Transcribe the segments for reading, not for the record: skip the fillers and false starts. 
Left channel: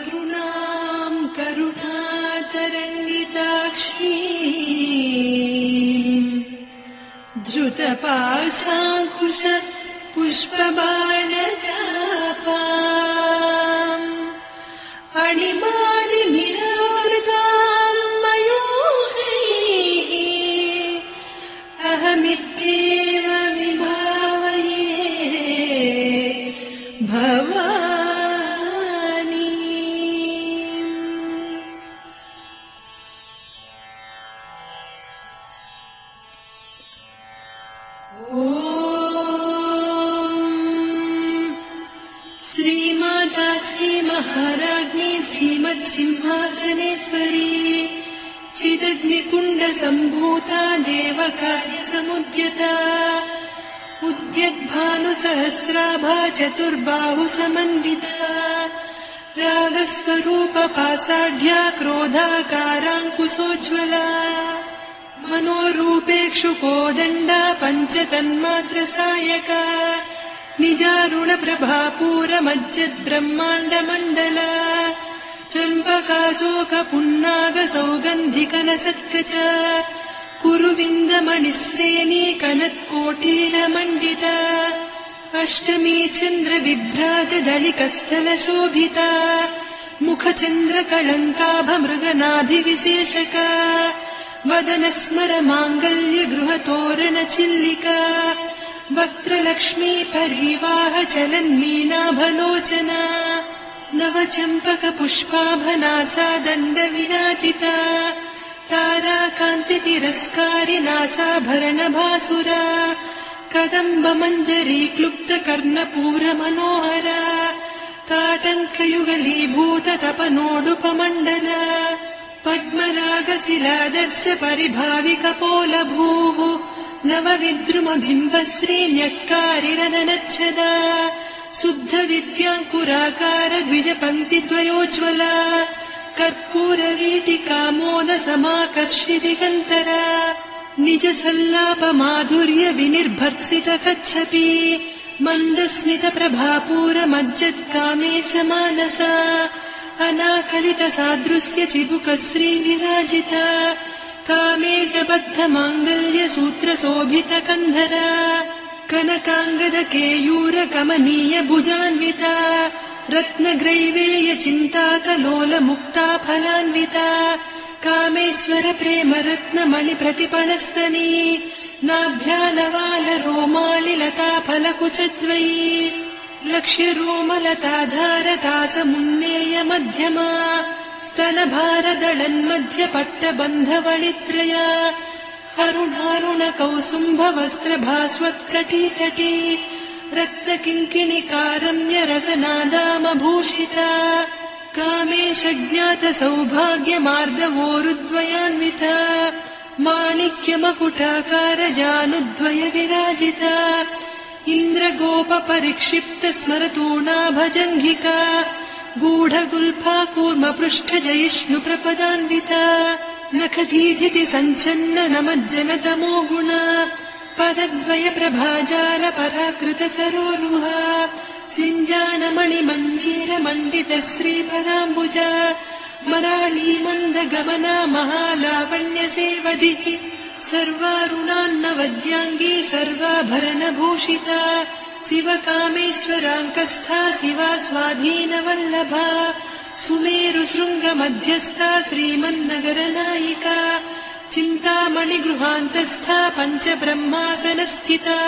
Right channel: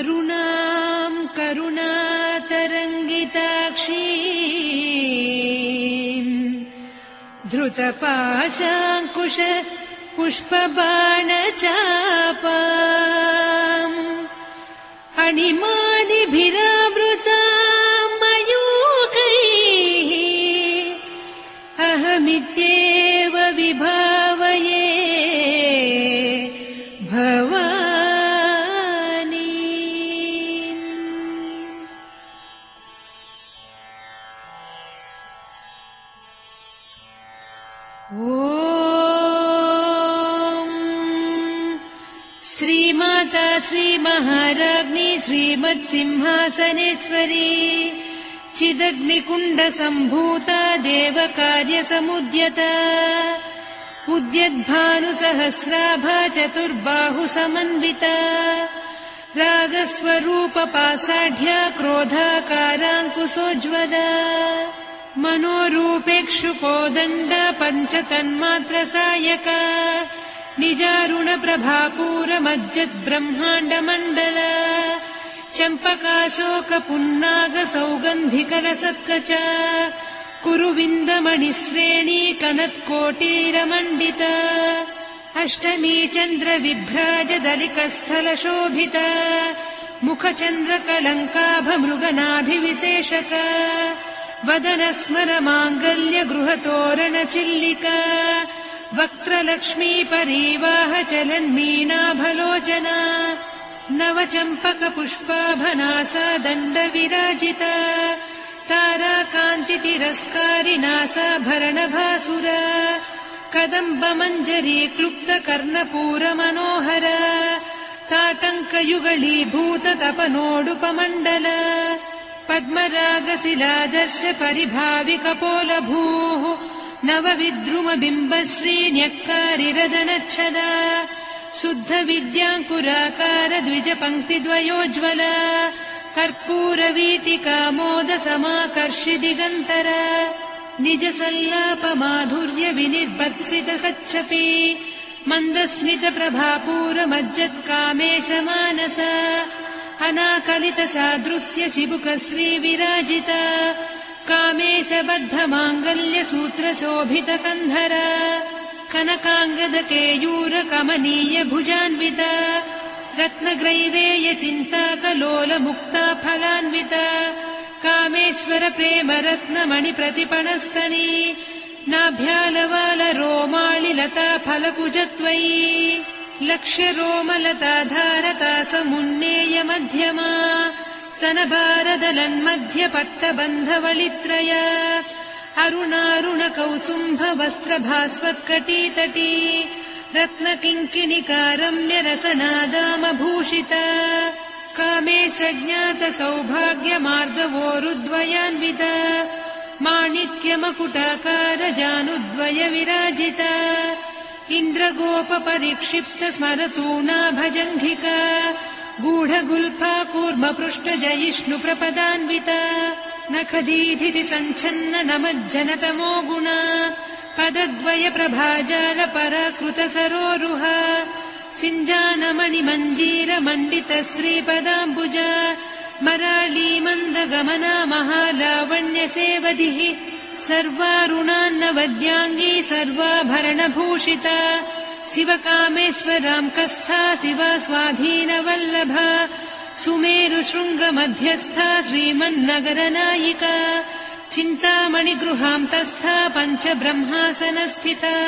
अरुणां करुणातरङ्गिताक्षीं धृतपाशाङ्कुश पुष्पबाणचापाम् अणिमादिभिरावृतां मयूखैः अहमित्येव विभावये भवानी। श्रीमाता श्रीमहाराज्ञी श्रीमत्सिंहासनेश्वरी चिदग्निकुण्डसम्भूता देवकार्यसमुद्यता उद्यद्भानुसहस्राभा चतुर्बाहुसमन्विता रागस्वरूपपासाढ्या क्रोधाकाराङ्कुशोज्ज्वला मनोरूपेक्षुकोदण्डा पञ्चतन्मात्रसायका निजारुणप्रभापूरमज्जद्ब्रह्माण्डमण्डला चम्पकाशोकपुन्नागसौगन्धिकरसत्कचा कुरुविन्दमणिश्रेणी कनत्कोटीरमण्डिता अष्टमी चन्द्रविभ्राजदलिकस्थलशोभिता मुखचन्द्रकळङ्काभमृगनाभिविशेषका वदनस्मरमाङ्गल्यगृहतोरणचिल्लिका वक्त्रलक्ष्मी परीवाहचलन्मीनाभलोचना नवचम्पकपुष्पाभनासा दण्डविराजिता ताराकान्तितिरस्कारिनासाभरणभासुरा कदम्बमञ्जरी क्लुप्तकर्णपूरमनोहरा ताटङ्कयुगलीभूततपनोडुपमण्डला पद्मरागशिरादर्श परिभाविकपोलभूः नवविद्रुमबिम्बश्रीन्यक्कारिरदनच्छदा शुद्धविद्याङ्कुराकार द्विजपङ्क्तिद्वयोज्ज्वला कर्पूरवीटिकामोदसमाकर्ष्य दिगन्तरा निजसल्लापमाधुर्य विनिर्भर्त्सितकच्छपि मन्दस्मितप्रभापूरमज्जत्कामेशमानसा अनाकलितसादृश्य चिबुकश्रीविराजिता कामेशबद्धमाङ्गल्यसूत्रशोभितकन्धरा कनकाङ्गदकेयूरकमनीय भुजान्विता रत्नग्रैवेयचिन्ताकलोलमुक्ता फलान्विता कामेश्वर प्रेमरत्नमणिप्रतिपणस्तनी नाभ्यालवालरोमाळिलता फलकुचत्वयी लक्ष्यरोमलताधारकासमुन्नेय मध्यमा स्तनभारदलन्मध्यपट्टबन्धवळित्रया अरुणारुणकौसुम्भवस्त्रभास्वत्कटीतटी रत्नकिङ्किणिकारम्यरसनादामभूषिता कामेशज्ञातसौभाग्यमार्दवोरुद्वयान्विता माणिक्यमकुटाकारजानुद्वयविराजिता इन्द्रगोपपरिक्षिप्तस्वरतूणाभजङ्घिका गूढगुल्फा कूर्मपृष्ठजयिष्णुप्रपदान्विता नखदीधिति सञ्छन्न नमज्जनतमो गुणा पदद्वयप्रभाजार पराकृतसरोरुहा सिञ्जानमणिमञ्जीरमण्डितश्रीपदाम्बुजा मराळीमन्दगमना महालावण्यसेवधिः सर्वारुणान्नवद्याङ्गी सर्वाभरणभूषिता शिवकामेश्वरां कस्था शिवा स्वाधीनवल्लभा सुमेरुशृङ्गमध्यस्था श्रीमन्नगरनायिका चिन्तामणिगृहान्तस्था पञ्चब्रह्मासनस्थिता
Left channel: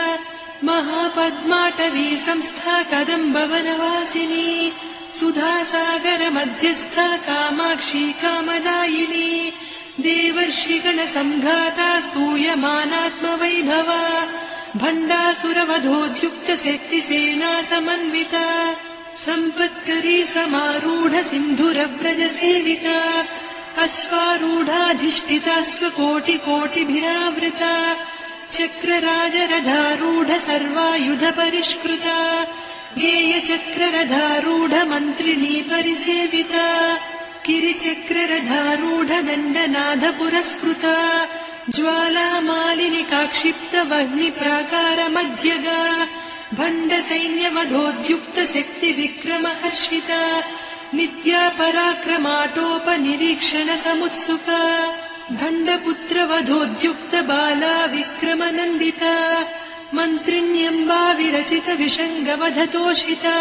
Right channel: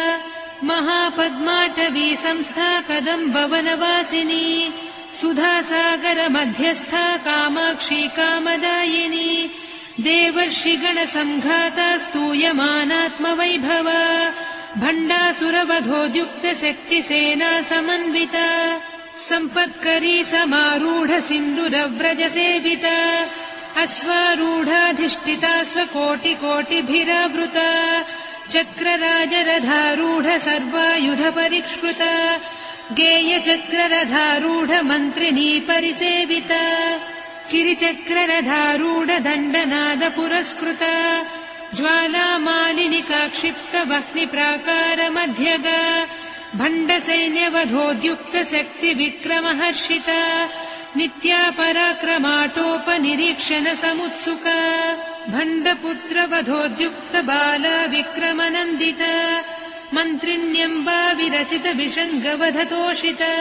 महापद्माटवी संस्था कदम्बवनवासिनी सुधासागरमध्यस्था कामाक्षी कामदायिनी देवर्षिगणसङ्घाता स्तूयमानात्मवैभवा भण्डासुरवधोद्युक्तशक्तिसेना समन्विता सम्पत्करी समारूढ सिन्धुरव्रजसेविता अश्वारूढाधिष्ठिता स्वकोटिकोटिभिरावृता चक्रराजरथारूढ सर्वायुधपरिष्कृता गेयचक्ररथारूढ मन्त्रिणी परिसेविता किरिचक्ररथारूढ दण्डनाद पुरस्कृता ज्वालामालिनिकाक्षिप्तवह्निप्राकारमध्यगा भण्डसैन्यवधोद्युक्तशक्तिविक्रमहर्षिता नित्या पराक्रमाटोपनिरीक्षण समुत्सुका भण्डपुत्रवधोद्युक्त बाला विक्रमनन्दिता मन्त्रिण्यम्बा विरचित विषङ्गवधतोषिता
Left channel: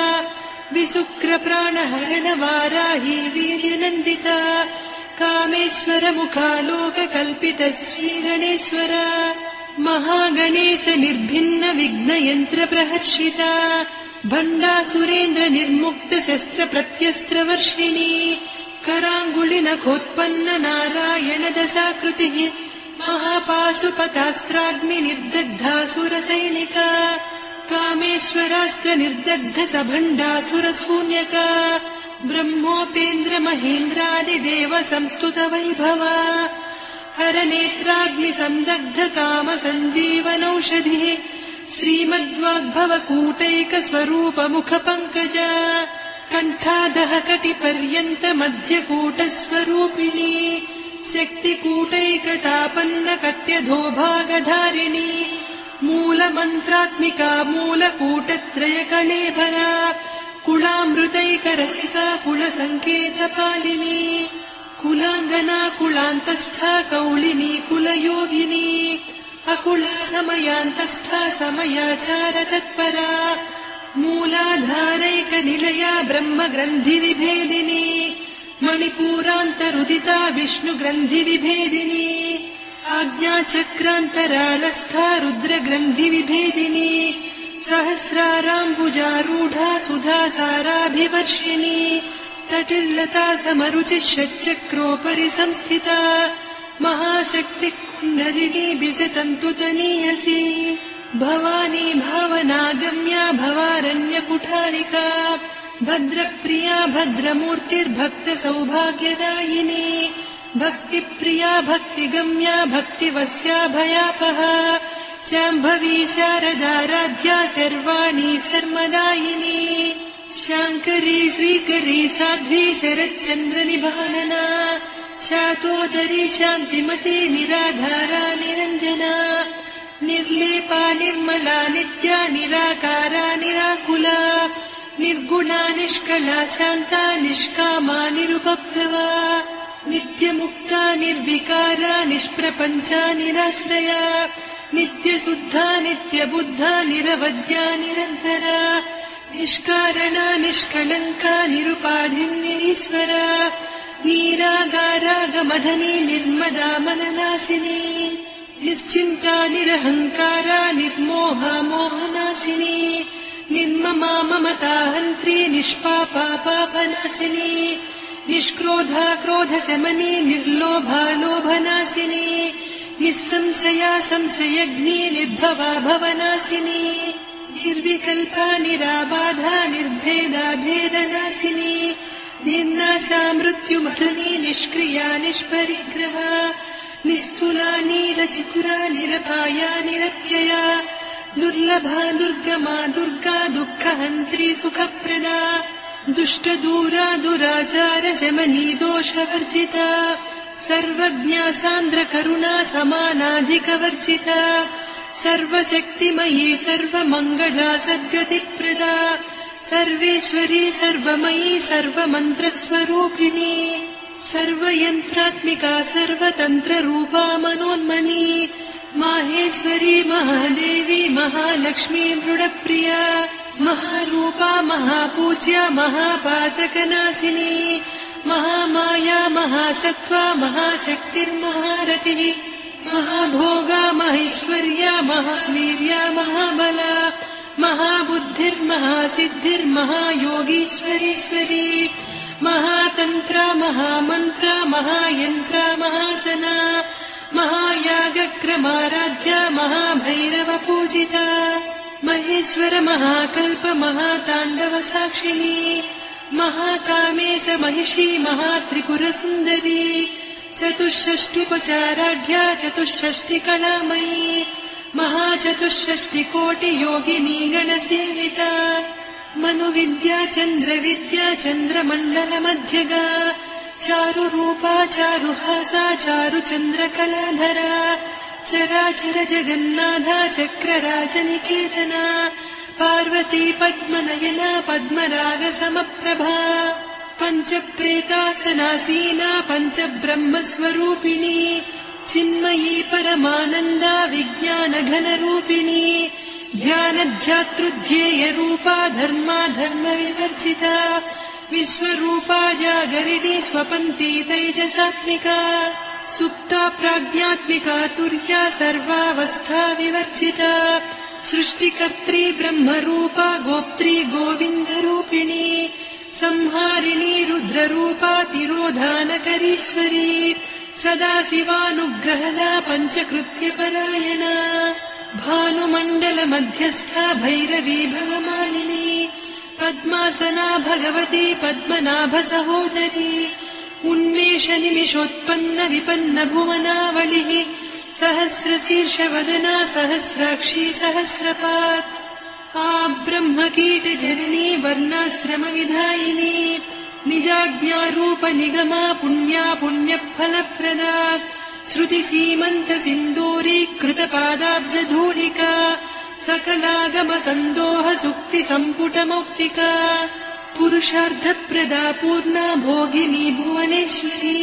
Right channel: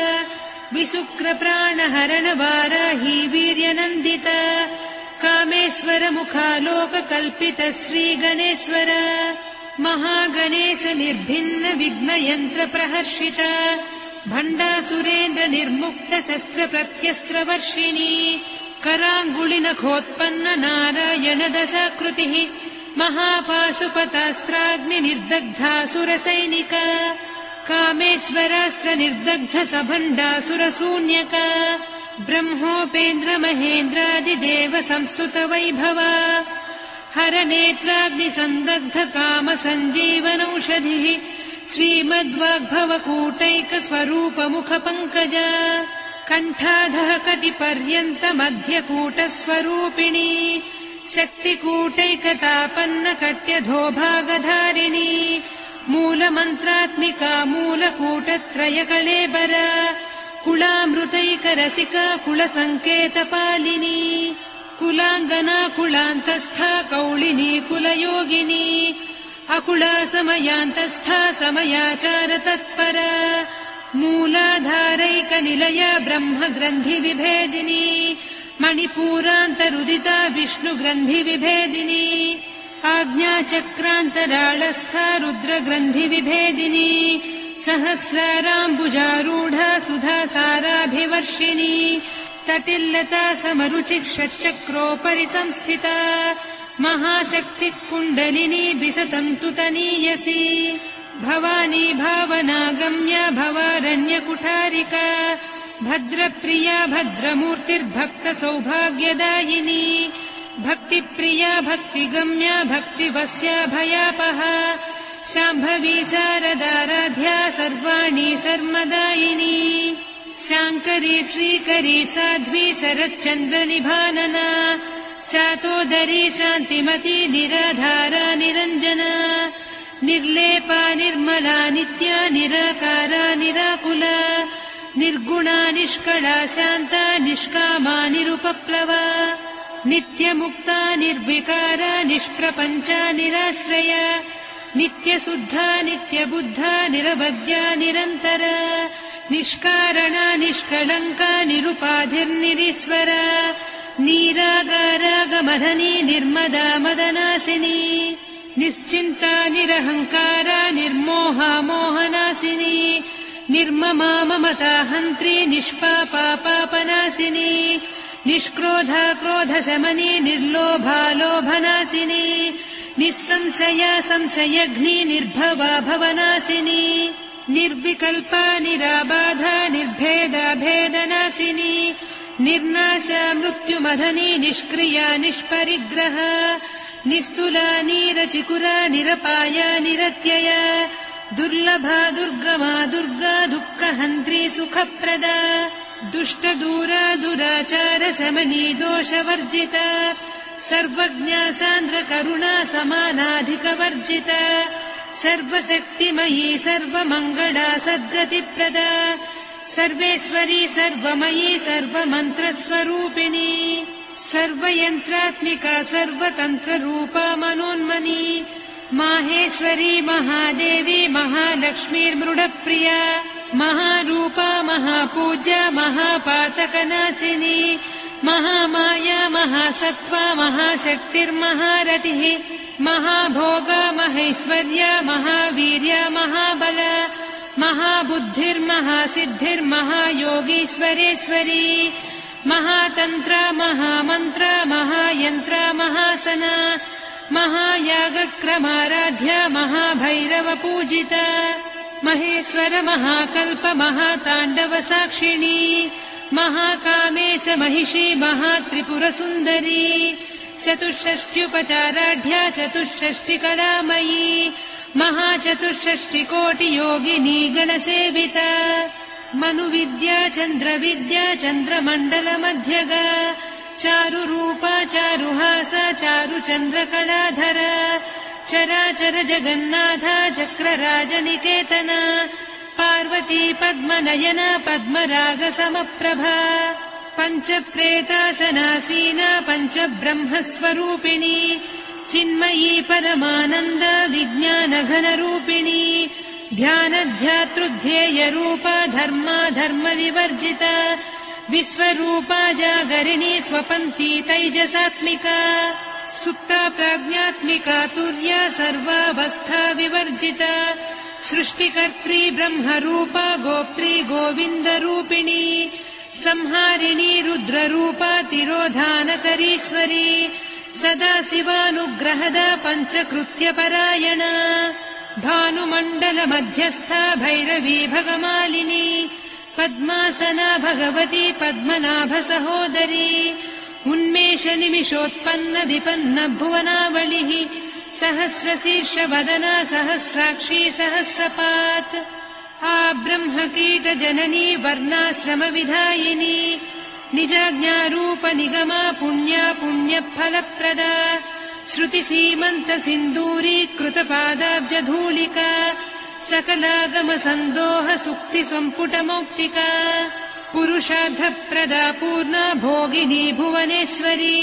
विशुक्रप्राणहरण वाराही वीर्यनन्दिता कामेश्वर मुखालोककल्पित श्रीगणेश्वर महागणेश निर्भिन्न विघ्नयन्त्र प्रहर्षिता भण्डासुरेन्द्र निर्मुक्त शस्त्र प्रत्यस्त्रवर्षिणी कराङ्गुलिनखोत्पन्न नारायण दशाकृतिः महापाशुपतास्त्राग्नि निर्दग्धासुरसैनिका कामेश्वरास्त्र निर्दग्ध सभण्डासुरशून्यका ब्रह्मोपेन्द्र महेन्द्रादिदेव संस्तुत वैभवा हरनेत्राग्नि सन्दग्ध काम सञ्जीवनौषधिः श्रीमद्वाग्भवकूटैक स्वरूप मुख पङ्कजा कण्ठाधः कटिपर्यन्त मध्यकूट स्वरूपिणी शक्तिकूटैकतापन्न कट्यधोभागधारिणी मूलमन्त्रात्मिका मूलकूटत्रय कळेबरा कुलामृतैकरसिका कुलसङ्केतपालिनी कुलाङ्गना कुलान्तस्था कौलिनी कुलयोगिनी अकुला समयान्तस्था समयाचार तत्परा मूलाधारैकनिलया ब्रह्मग्रन्थि विभेदिनी मणिपूरान्तरुदिता विष्णुग्रन्थि विभेदिनी आज्ञाचक्रान्तराळस्था रुद्रग्रन्थि विभेदिनी सहस्राराम्बुजारूढा सुधासाराभिवर्षिणी तटिल्लता समरुचिः षट्चक्रोपरि संस्थिता महाशक्तिः कुण्डलिनी बिसतन्तुतनीयसी भवानी भावनागम्या भवारण्यकुठारिका भद्रप्रिया भद्रमूर्तिर्भक्त सौभाग्यदायिनी भक्तिप्रिया भक्तिगम्या भक्तिवस्या भयापहा शाम्भवी शारदाराध्या सर्वाणि सर्वदायिनी शाङ्करी श्रीकरी साध्वी शरच्चन्द्रनिभानना शातोदरी शान्तिमती निराधारा निरञ्जना निर्लेपा निर्मला नित्या निराकारा निराकुला निर्गुणा निष्कला शान्ता निष्कामा निरुपप्लवा नित्यमुक्ता निर्विकारा निष्प्रपञ्चा निराश्रया नित्यशुद्धा नित्यबुद्धा निरवद्या निरन्तरा निष्कारणा निष्कलङ्का निरुपाधिर्निरीश्वरा नीरागारागमधनी निर्मदा मदनासिनी निश्चिन्ता निरहङ्कारा निर्मोहा मोहनासिनी निर्ममा ममता हन्त्री निष्पापा पापनासिनी निष्क्रोधा क्रोधशमनी निर्लोभा लोभनासिनी निःसंशया संशयघ्नी निर्भवा भवनासिनी निर्विकल्पा निराबाधा निर्भेदा भेदनासिनी निर्नाशा मृत्युमधनी निष्क्रिया निष्परिग्रहा निस्तुला नीरचिकुला निरपाया निरत्यया दुर्लभा दुर्गमा दुर्गा दुःखहन्त्री सुखप्रदा दुष्टदूरा दुराचार शमनी दोषवर्जिता सर्वज्ञा सान्द्रकरुणा समानाधिकवर्जिता सर्वशक्तिमयी सर्वमङ्गला सद्गतिप्रदा सर्वेश्वरी सर्वमयी सर्वमन्त्रस्वरूपिणी सर्वयन्त्रात्मिका सर्वतन्त्ररूपा मनोन्मनी माहेश्वरी महादेवी महालक्ष्मी मृडप्रिया महारूपा महापूज्या महापातकनाशिनी महामाया महासत्त्वा महाशक्तिर्महारतिः महाभोगा महेश्वर्या महावीर्या महाबला महाबुद्धिर्महासिद्धिर्महायोगीश्वरेश्वरी महातन्त्रा महामन्त्रा महायन्त्रा महासना महायागक्रमाराध्या महाभैरवपूजिता महेश्वर महाकल्प महाताण्डव साक्षिणी महाकावेश महिषी महात्रिपुरसुन्दरी चतुष्षष्ट्युपचाराढ्या चतुष्षष्टिकलामयी महाचतुष्षष्टिकोटियोगिनी गणसेविता मनुविद्या चन्द्रविद्या चन्द्रमण्डलमध्यगा चारुरूपा चारुहासा चारुचन्द्रकलाधरा चराचर जगन्नाथा चक्रराजनिकेतना पार्वती पद्मनयना पद्मरागसमप्रभा पञ्चप्रेतासनासीना पञ्चब्रह्मस्वरूपिणी चिन्मयी परमानन्दा विज्ञानघनरूपिणी ध्यानध्यातृध्येयरूपा धर्मा धर्मविवर्जिता विश्वरूपा जागरिणी स्वपन्ती तैजसात्मिका सुप्ता प्राज्ञात्मिका तुर्या सर्वावस्था विवर्जिता सृष्टिकर्त्री ब्रह्मरूपा गोप्त्री गोविन्दरूपिणी संहारिणी रुद्ररूपा तिरोधानकरीश्वरी सदा शिवानुग्रहदा पञ्चकृत्यपरायणा भानुमण्डलमध्यस्था भैरवी भवमालिनी पद्मासना भगवती पद्मनाभसहोदरी उन्मेषनिमिषोत्पन्न विपन्न भुवनावलिः सहस्रशीर्षवदना सहस्राक्षी सहस्रपात् ब्रह्मकीटजननी वर्णाश्रमविधायिनी निजाज्ञारूपनिगमा पुण्या पुण्यफलप्रदा श्रुतिसीमन्तसिन्दूरीकृतपादाब्जधूलिका सकलागमसन्दोह सुक्तिसम्पुटमौक्तिका पुरुषार्थप्रदा पूर्णा भोगिनी भुवनेश्वरी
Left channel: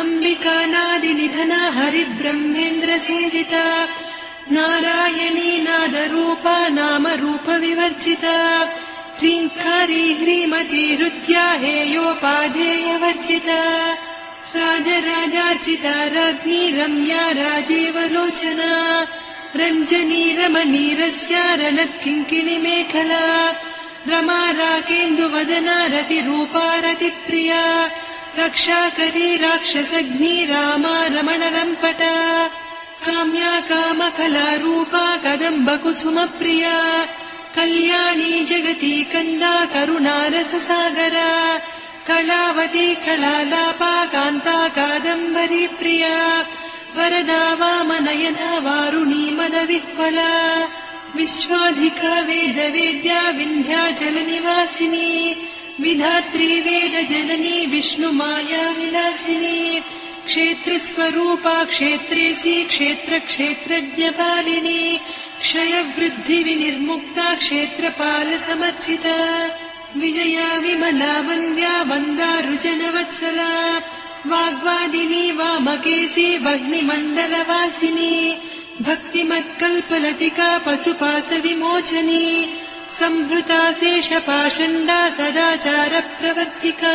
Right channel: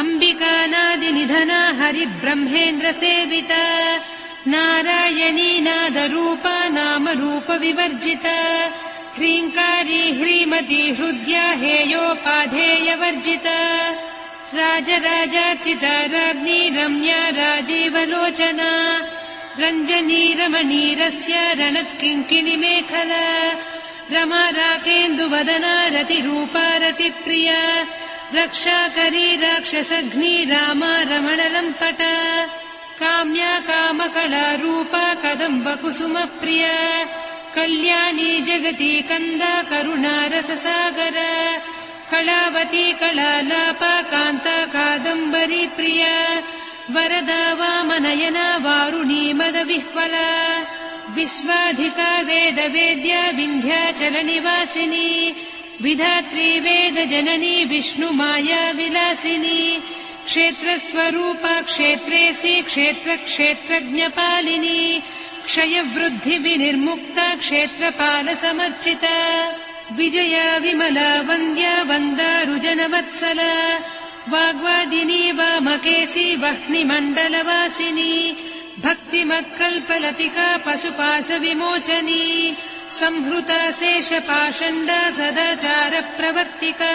अम्बिकानादिनिधना हरिब्रह्मेन्द्रसेविता नारायणी नादरूपा नामरूपविवर्जिता ह्रीङ्कारी ह्रीमती हृद्या हेयोपाधेयवर्जिता राजराजार्चिता राज्ञी रम्या राजीवलोचना रञ्जनी रमणीरस्या रणत्किङ्किणिमेखला रमा रागेन्दुवदना रतिरूपा रतिप्रिया रक्षाकरी राक्षसघ्नी रामा रमणलम्पटा काम्या कामकलारूपा कदम्बकुसुमप्रिया कल्याणी जगती कन्दा करुणारससागरा कलावती कलालापा कान्ता कादम्बरी प्रिया वरदा वामनयना वारुणी मदविह्वला विश्वाधिका वेदवेद्या विन्ध्याचलनिवासिनी विधात्री वेदजननी विष्णुमाया विलासिनी क्षेत्रस्वरूपा क्षेत्रेसी क्षेत्रक्षेत्रज्ञपालिनी क्षयवृद्धिविनिर्मुक्ता क्षेत्रपालसमर्चिता विजया विमला वन्द्या वन्दारुजनवत्सला वाग्वादिनी वामकेशी वह्निमण्डलवासिनी भक्तिमत्कल्पलतिका पशुपाशविमोचनी संहृता शेषपाषण्डा सदाचारप्रवर्तिका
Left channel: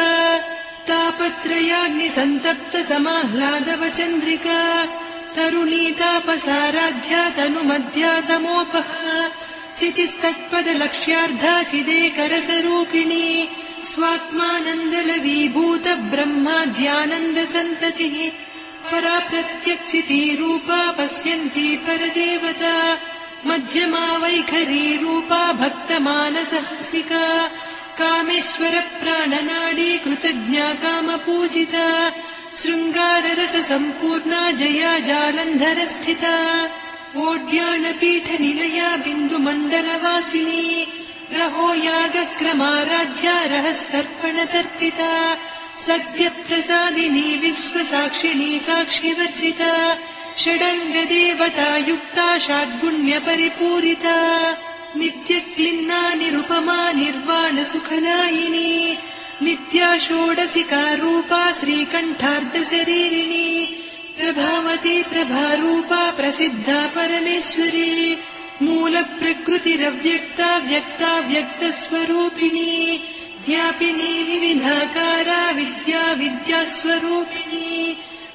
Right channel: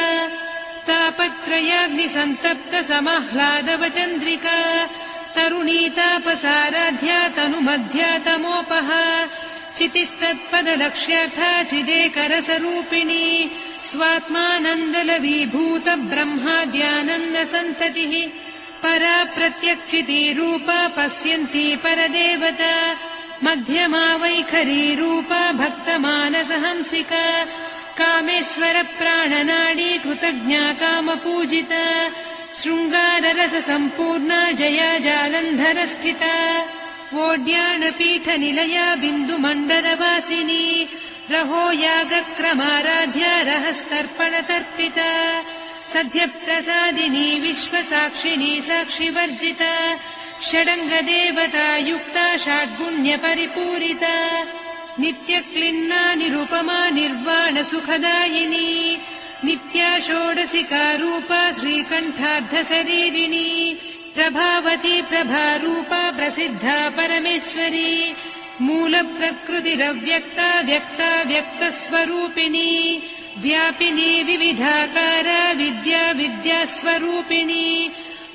तापत्रयाग्निसन्तप्त समाह्लादवचन्द्रिका तरुणी तापसाराध्या तनुमध्या तमोपहा चितिस्तत्पदलक्ष्यार्धा चिदेकरसरूपिणी स्वात्मानन्दलवीभूत ब्रह्माद्यानन्दसन्ततिः परा प्रत्यक्षितीरूपा पश्यन्ती परदेवता मध्यमा वैखरीरूपा भक्तमानसहंसिका कामेश्वर प्राणनाडी कृतज्ञा कामपूजिता शृङ्गाररससम्पूर्णा जया जालन्धरस्थिता ओड्याणपीठनिलया बिन्दुमण्डलवासिनी रहो यागक्रमाराध्या रहस्तर्पणदर्पिता सद्यप्रसादिनी विश्वसाक्षिणी साक्षिवर्जिता षडङ्गदेवता युक्ता षड्गुण्यपरिपूरिता नित्यक्लिन्ना निरुपमा निर्वाणसुखदायिनी नित्या षोडशिका रूपा श्रीकण्ठार्धशरीरिणी प्रभावती प्रभारूपा प्रसिद्धा परमेश्वरी मूलप्रकृतिरव्यक्ता व्यक्ता व्यक्तस्वरूपिणी व्यापिनी विविधाकारा विद्या विद्यास्वरूपिणी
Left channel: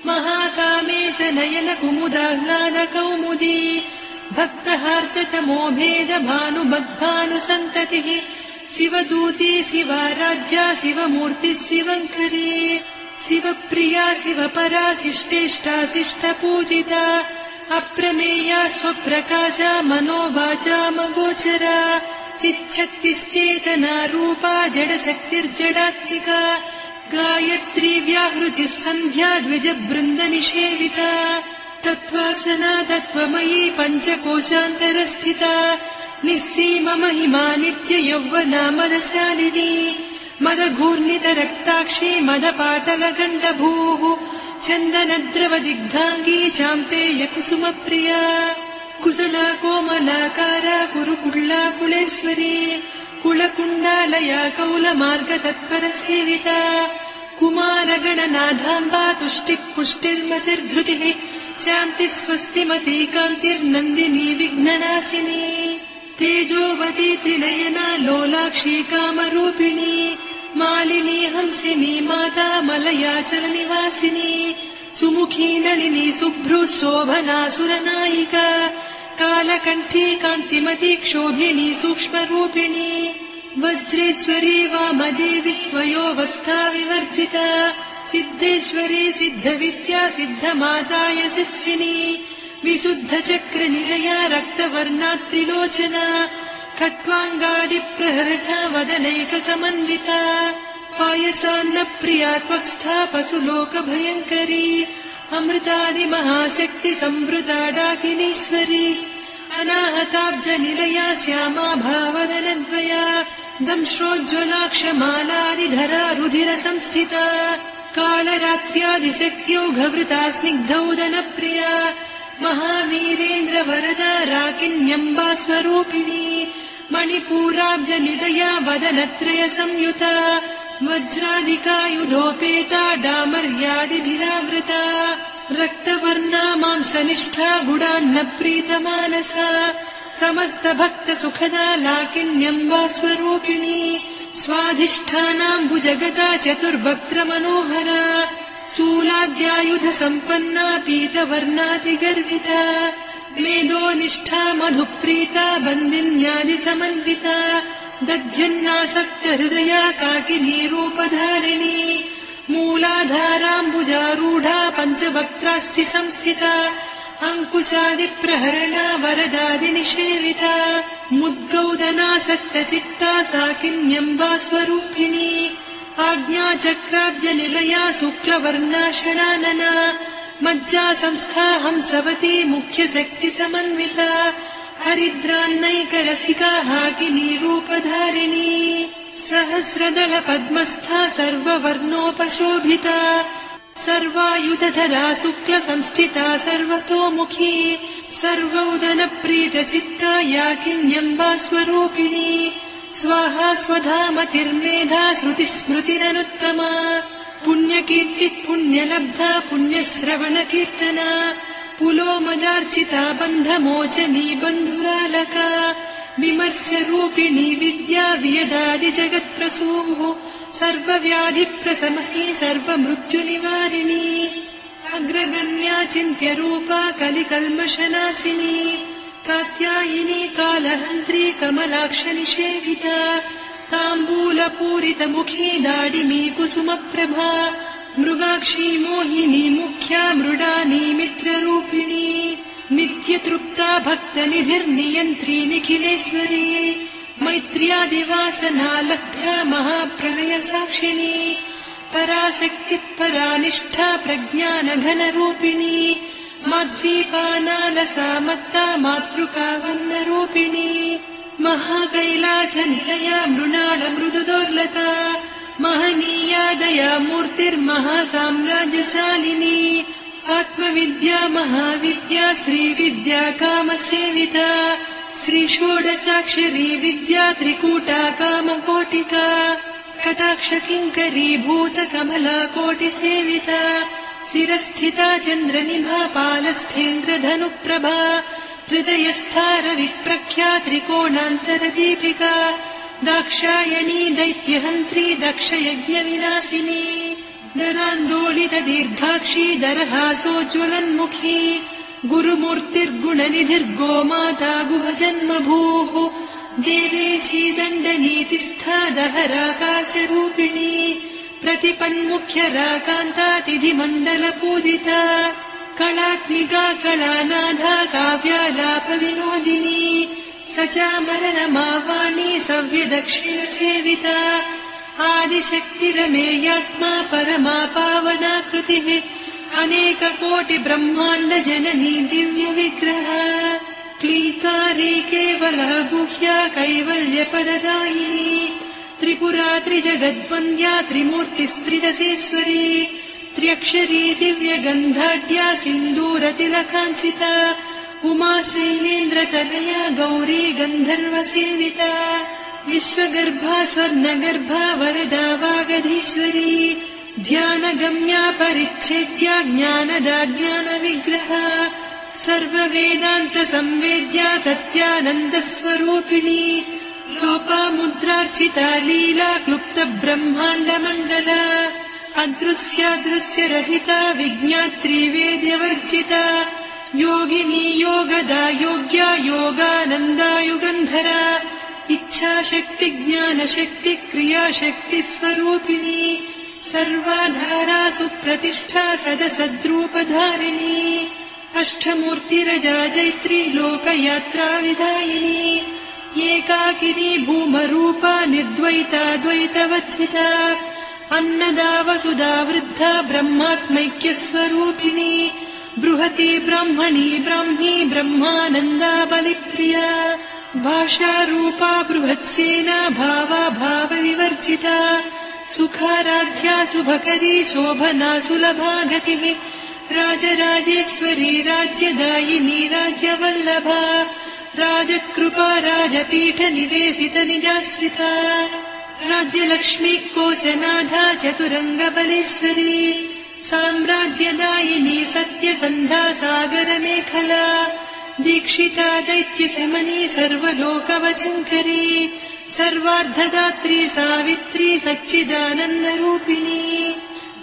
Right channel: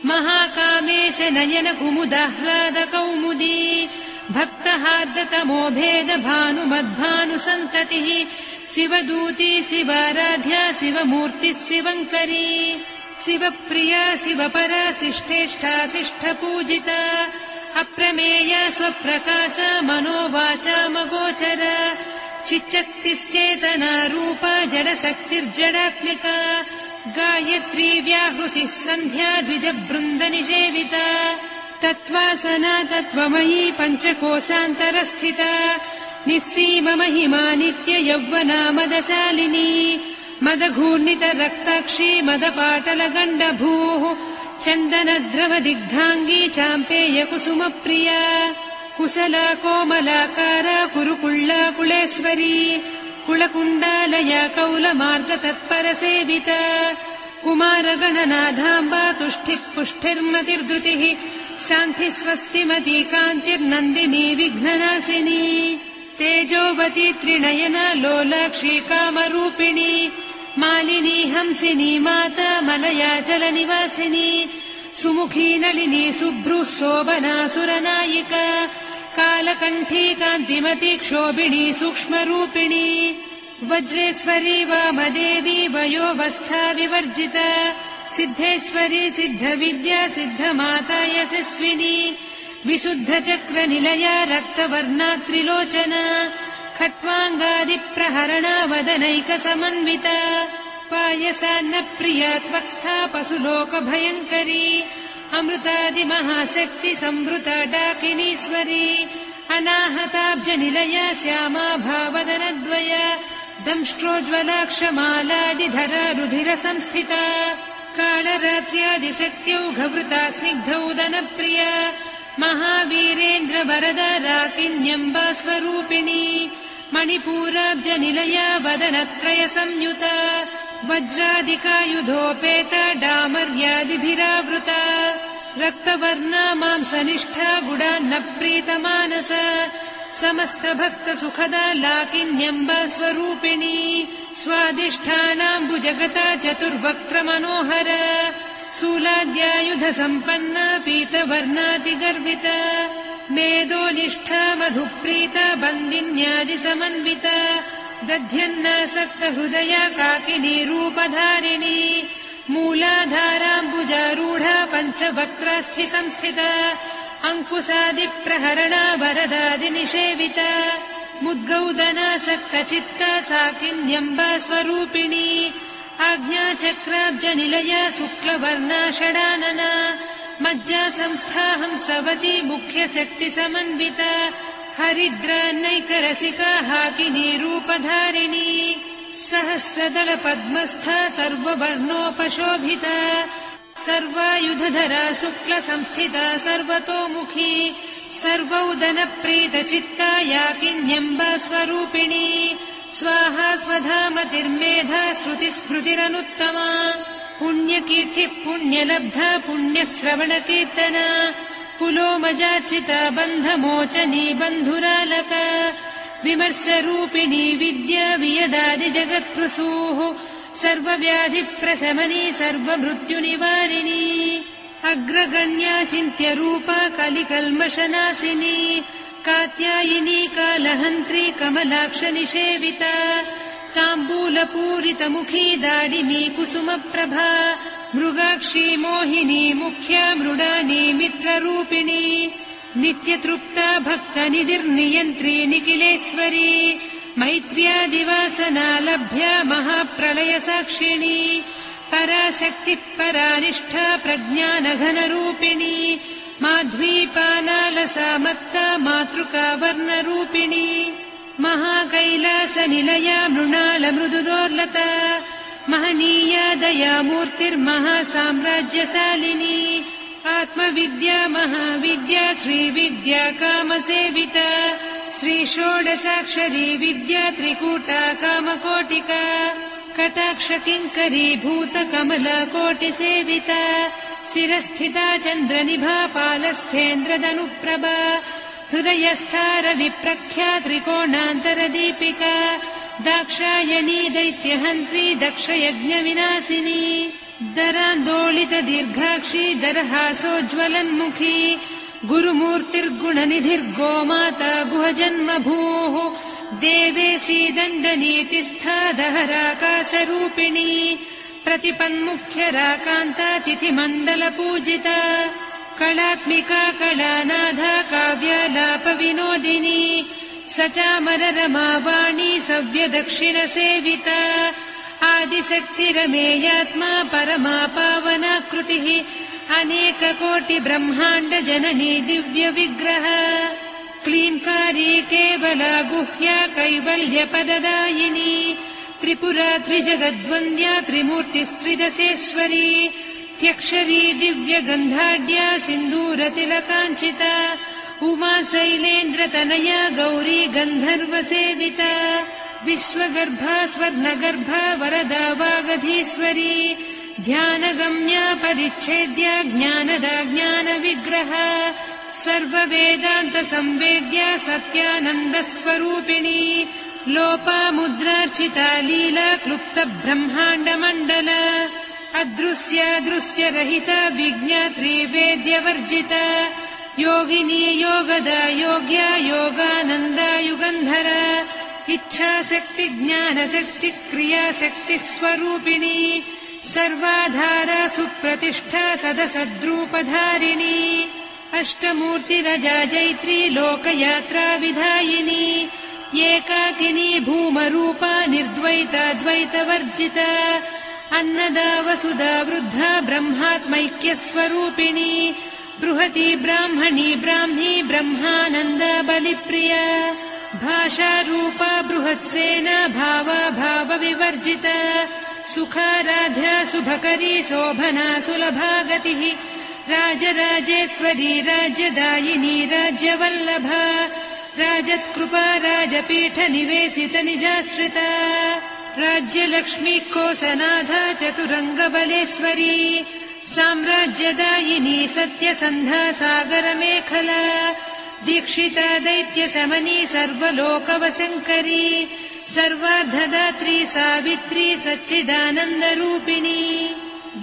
महाकामेश नयन कुमुदाह्लादकौमुदी भक्तहार्दतमो भेद भानुमद्भानुसन्ततिः शिवदूती शिवाराध्या शिवमूर्तिः शिवङ्करी शिवप्रिया शिवपरा शिष्टेष्टा शिष्टपूजिता अप्रमेया स्वप्रकाशा मनोवाचामगोचरा चिच्चक्तिश्चेतना रूपा जडशक्तिर्जडात्मिका गायत्री व्याहृतिः सन्ध्या द्विजबृन्दनिषेविता तत्त्वासना तत्त्वमयी पञ्चकोशान्तरस्थिता निस्सीममहिमा नित्य यौवना मदशालिनी मदघूर्णितरक्ताक्षी मदपाटलगण्डभूः चन्दनद्रवदिग्धाङ्गी चाम्पेय कुसुमप्रिया कुशला कोमलाकारा कुरुकुळ्ळा कुलेश्वरी कुलकुण्डालया कौलमार्गतत्परसेविता कुमारगणनाथाम्बा तुष्टिः पुष्टिर्मतिर्धृतिः शान्तिः स्वस्तिमती कान्तिर्नन्दिनी विघ्ननाशिनी तेजोवती त्रिनयना लोलाक्षी कामरूपिणी मालिनी हंसिनी माता मलयाचलनिवासिनी सुमुखी नलिनी शुभ्रुः शोभना सुरनायिका कालकण्ठी कान्तिमती क्षोभिणी सूक्ष्मरूपिणी वज्रेश्वरी वामदेवी वयोवस्था विवर्जिता सिद्धेश्वरी सिद्धविद्या सिद्धमाता यशस्विनी विशुद्धचक्रनिलया रक्तवर्णा त्रिलोचना खट्वाङ्गादिप्रहरणा वदनैकसमन्विता पायसान्नप्रिया त्वक्स्था पशुलोकभयङ्करी अमृतादिमहाशक्ति संवृता डाकिनीश्वरी अनाहताब्जनिलया श्यामा भावदनद्वया दंश्रोज्ज्वलाक्षमालादिधरा रुधिरसंस्थिता कालरात्र्यादिशक्त्योघवृता स्निग्धौदनप्रिया महावीरेन्द्रवरदा राकिन्यम्बा स्वरूपिणी मणिपूराब्जनिलया वदनत्रय संयुता वज्रादिकायुधोपेता डामर्यादिभिरावृता रक्तवर्णा मांसनिष्ठा गुडान्न प्रीतमानसा समस्त भक्त सुखदा लाकिन्यम्बा स्वरूपिणी स्वाधिष्ठानाम्बुजगदा चतुर्वक्त्र मनोहरा शूलाद्यायुध सम्पन्ना पीतवर्णातिगर्विता वेदोनिष्ठा मधुप्रीता बन्दिन्यादिसमन्विता दध्यन्नासक्त हृदया काकिनी रूपधारिणी मूलाधाराम्बुजारूढा पञ्चवक्त्रास्थि संस्थिता अङ्कुशादिप्रहरणा वरदादिनिषेविता मुद्गौदनासक्तचित्ता साकिन्यम्बा स्वरूपिणी आज्ञाचक्राब्जनिलया शुक्लवर्णा षडानना मज्जा संस्था हंसवती मुख्यशक्तिसमन्विता हरिद्रान्नैकरसिका हाकिनी रूपधारिणी सहस्रदल पद्मस्था सर्ववर्णोपशोभिता सर्वायुधधरा शुक्लसंस्थिता सर्वतोमुखी सर्वौदनप्रीतचित्ता याकिन्यम्बा स्वरूपिणी स्वाहा स्वधामतिर्मेधा श्रुतिस्मृतिरनुत्तमा पुण्यकीर्तिः पुण्यलब्धा पुण्यश्रवणकीर्तना पुलोमजार्चिता बन्धमोचनी बन्धुरालका विमर्शरूपिणी विद्या वियदादिजगत्प्रसूः सर्वव्याधिप्रशमनी सर्वमृत्युनिवारिणी अग्रगण्या चिन्त्यरूपा कलिकल्मषनाशिनी कात्यायिनी कालहन्त्री कमलाक्षनिषेविता ताम्बूलपूरितमुखी दाडिमी कुसुमप्रभा मृगाक्षी मोहिनी मुख्या मृडानी मित्ररूपिणी नित्यतृप्ता भक्तनिधिर्नियन्त्री निखिलेश्वरी मैत्र्यादिवासना लभ्या महाप्रलयसाक्षिणी पराशक्तिः परानिष्ठा प्रज्ञानघनरूपिणी माध्वीपानालसामत्ता मातृका वर्णरूपिणी महाकैलासनिलया मृणालमृदुदोर्लता महनीया दया मूर्तिर्महासाम्राज्यशालिनी आत्मविद्या महाविद्या श्रीविद्या कामसेविता श्रीषोडशाक्षरी विद्या त्रिकूटा कामकोटिका कटाक्षकिङ्करी भूतकमला कोटिसेविता शिरस्थिता चन्द्रनिभा पालस्थेन्द्रधनुप्रभा हृदयस्था रविप्रख्या त्रिकोणान्तरदीपिका दाक्षायणी दैत्यहन्त्री दक्षयज्ञविनाशिनी दरान्दोलित दीर्घाक्षी दरहासोज्ज्वलन्मुखी गुरुमूर्तिर्गुणनिधिर्गोमाता गुहजन्मभूः देवेशी दण्डनीतिस्था दहराकाशरूपिणी प्रतिपन्मुख्यराकान्ता तिथिमण्डलपूजिता कलात्मिका कलानाधा काव्यालापविनोदिनी सचामररमावाणी सव्यदक्षिणसेविता आदिशक्तिरमेयात्मा परमा पावनाकृतिः अनेककोटिब्रह्माण्ड जननी दिव्यविग्रह क्लीङ्कारी केवला गुह्या कैवल्यपददायिनी त्रिपुरा त्रिजगद्वन्द्या त्रिमूर्तिस्त्रिदशेश्वरी त्र्यक्षरी दिव्यगन्धाढ्या सिन्दूरतिलकाञ्चिता उमा शैलेन्द्रतनया गौरी गन्धर्वसेविता विश्वगर्भा स्वर्णगर्भा वरदा वागधीश्वरी ध्यानगम्या परिच्छेद्या ज्ञानदा ज्ञानविग्रहा सर्ववेदान्तसंवेद्या सत्यानन्दस्वरूपिणी लोपामुद्रार्चिता लीला क्लुप्तब्रह्माण्डमण्डला अदृश्यादृश्यरहिता विज्ञात्री वेद्यवर्जिता योगिनी योगदा योग्या योगानन्दा युगन्धरा इच्छाशक्ति ज्ञानशक्ति क्रियाशक्ति स्वरूपिणी सर्वाधारा सुप्रतिष्ठा सदसद्रूपधारिणी अष्टमूर्तिरजा जैत्री लोकयात्रा विधायिनी एकाकिनी भूमरूपा निर्द्वैता द्वैतवर्जिता अन्नदा वसुधा वृद्धा ब्रह्मात्मैक्यस्वरूपिणी बृहती ब्राह्मणी ब्राह्मी ब्रह्मानन्दा बलिप्रिया भाषारूपा बृहत्सेना भावा भावविवर्जिता सुखाराध्या शुभकरी शोभना सुलभा गतिः राजराजेश्वरी राज्यदायिनी राज्यवल्लभा राजत्कृपा राजपीठनिवेशित निजाश्रिता राज्यलक्ष्मी कोसनाधा चतुरङ्गबलेश्वरी साम्राज्यदायिनी सत्यसन्धा सागरमेखला दीक्षिता दैत्यशमनी सर्वलोकवशङ्करी सर्वार्धदात्री सावित्री सच्चिदानन्दरूपिणी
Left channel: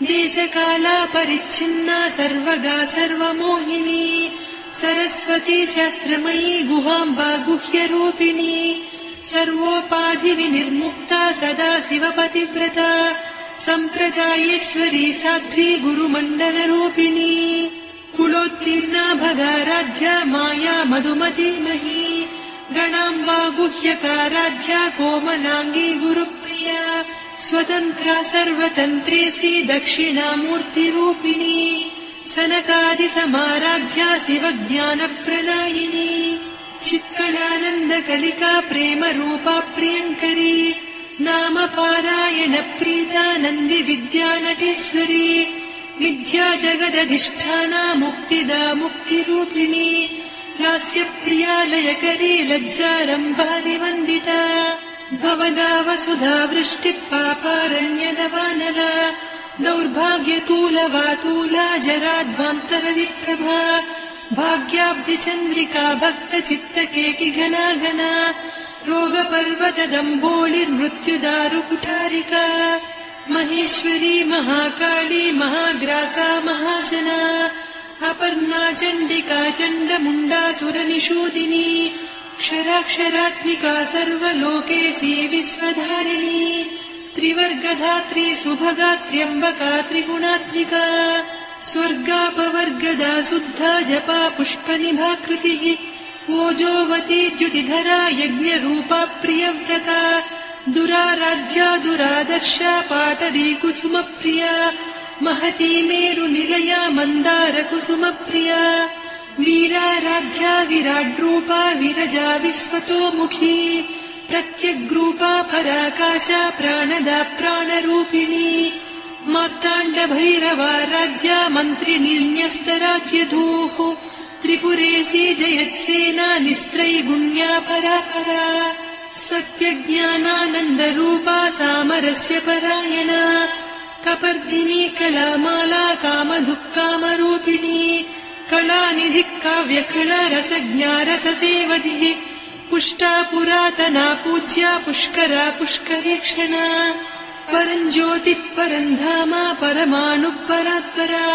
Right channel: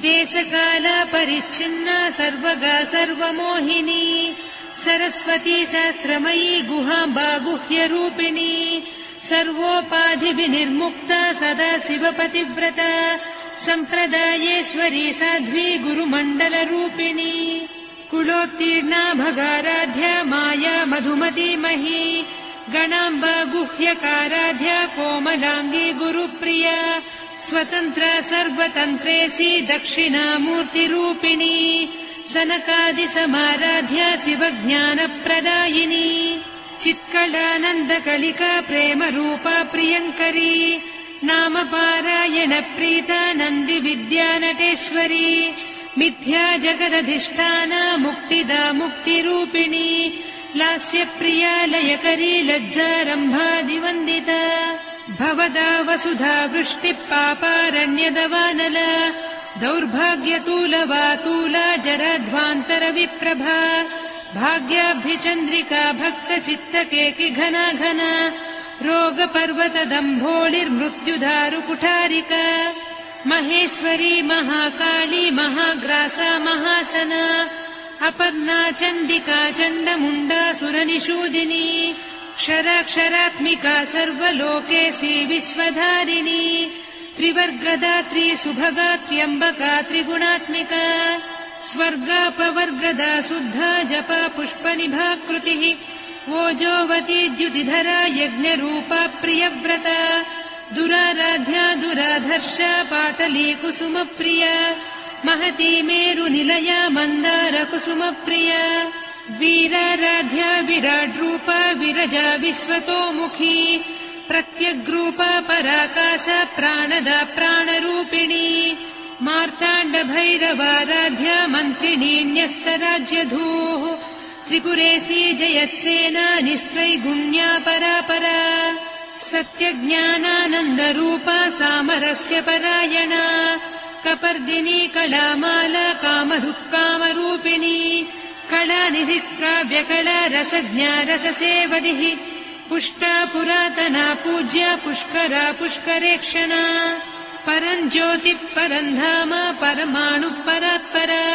देशकाला परिच्छिन्ना सर्वगा सर्वमोहिनी सरस्वती शास्त्रमयी गुहाम्बा गुह्यरूपिणी सर्वोपाधिविनिर्मुक्ता सदा शिवपतिव्रता सम्प्रदायेश्वरी साध्वी गुरुमण्डलरूपिणी कुलोत्तीर्णा भगाराध्या माया मधुमतीमही गणाम्बा गुह्यकाराध्या कोमलाङ्गी गुरुप्रिया स्वतन्त्रा सर्वतन्त्रेसी दक्षिणामूर्तिरूपिणी सनकादिसमाराध्या शिवज्ञानप्रदायिनी चित्कलानन्दकलिका प्रेमरूपा प्रियङ्करी नामपारायणप्रीता नन्दिविद्या नटेश्वरी मिथ्या जगदधिष्ठाना मुक्तिदा मुक्तिरूपिणी लास्यप्रिया लयकरी लज्जारम्भादिवन्दिता भवदा वसुधा वृष्टिः पापारण्यदवानला दौर्भाग्यतूलवातूला जराध्वान्तरविप्रभा भाग्याब्धिचन्द्रिका भक्तचित्तकेकि घना घना रोगपर्वतदम्भोळिर्मृत्युदारुकुठारिका महेश्वरी महाकाली महाग्रासा महासना अपर्णा चण्डिका चण्डमुण्डा सुरनिषूदिनी क्षराक्षरात्मिका सर्वलोकेशी विश्वधारिणी त्रिवर्गधात्री सुभगा त्र्यम्बका त्रिगुणात्मिका स्वर्गापवर्गदा शुद्धा जपा पुष्पनिभाकृतिः ओजोवती द्युतिधरा यज्ञरूपा प्रियव्रता दुराराध्या दुरादर्शा पाटली कुसुमप्रिया महती मेरुनिलया मन्दारकुसुमप्रिया वीराराध्या विराड्रूपा विरजा विश्वतोमुखी प्रत्यग्रूपा पराकाशा प्राणदा प्राणरूपिणी मार्ताण्डभैरवाराध्या मन्त्रिणीन्यस्तराज्यधूः त्रिपुरेशी जयत्सेना निस्त्रैगुण्या परापरा सत्यज्ञानानन्दरूपा सामरस्य परायणा कपर्दिनी कलामाला कामधुक्कामरूपिणी कलानिधिकाव्यकला रसज्ञा रससेवतिः पुष्टा पुरातना पूज्या पुष्करा पुष्करेक्षणा परञ्ज्योतिः परन्धामा परमाणुः परात्परा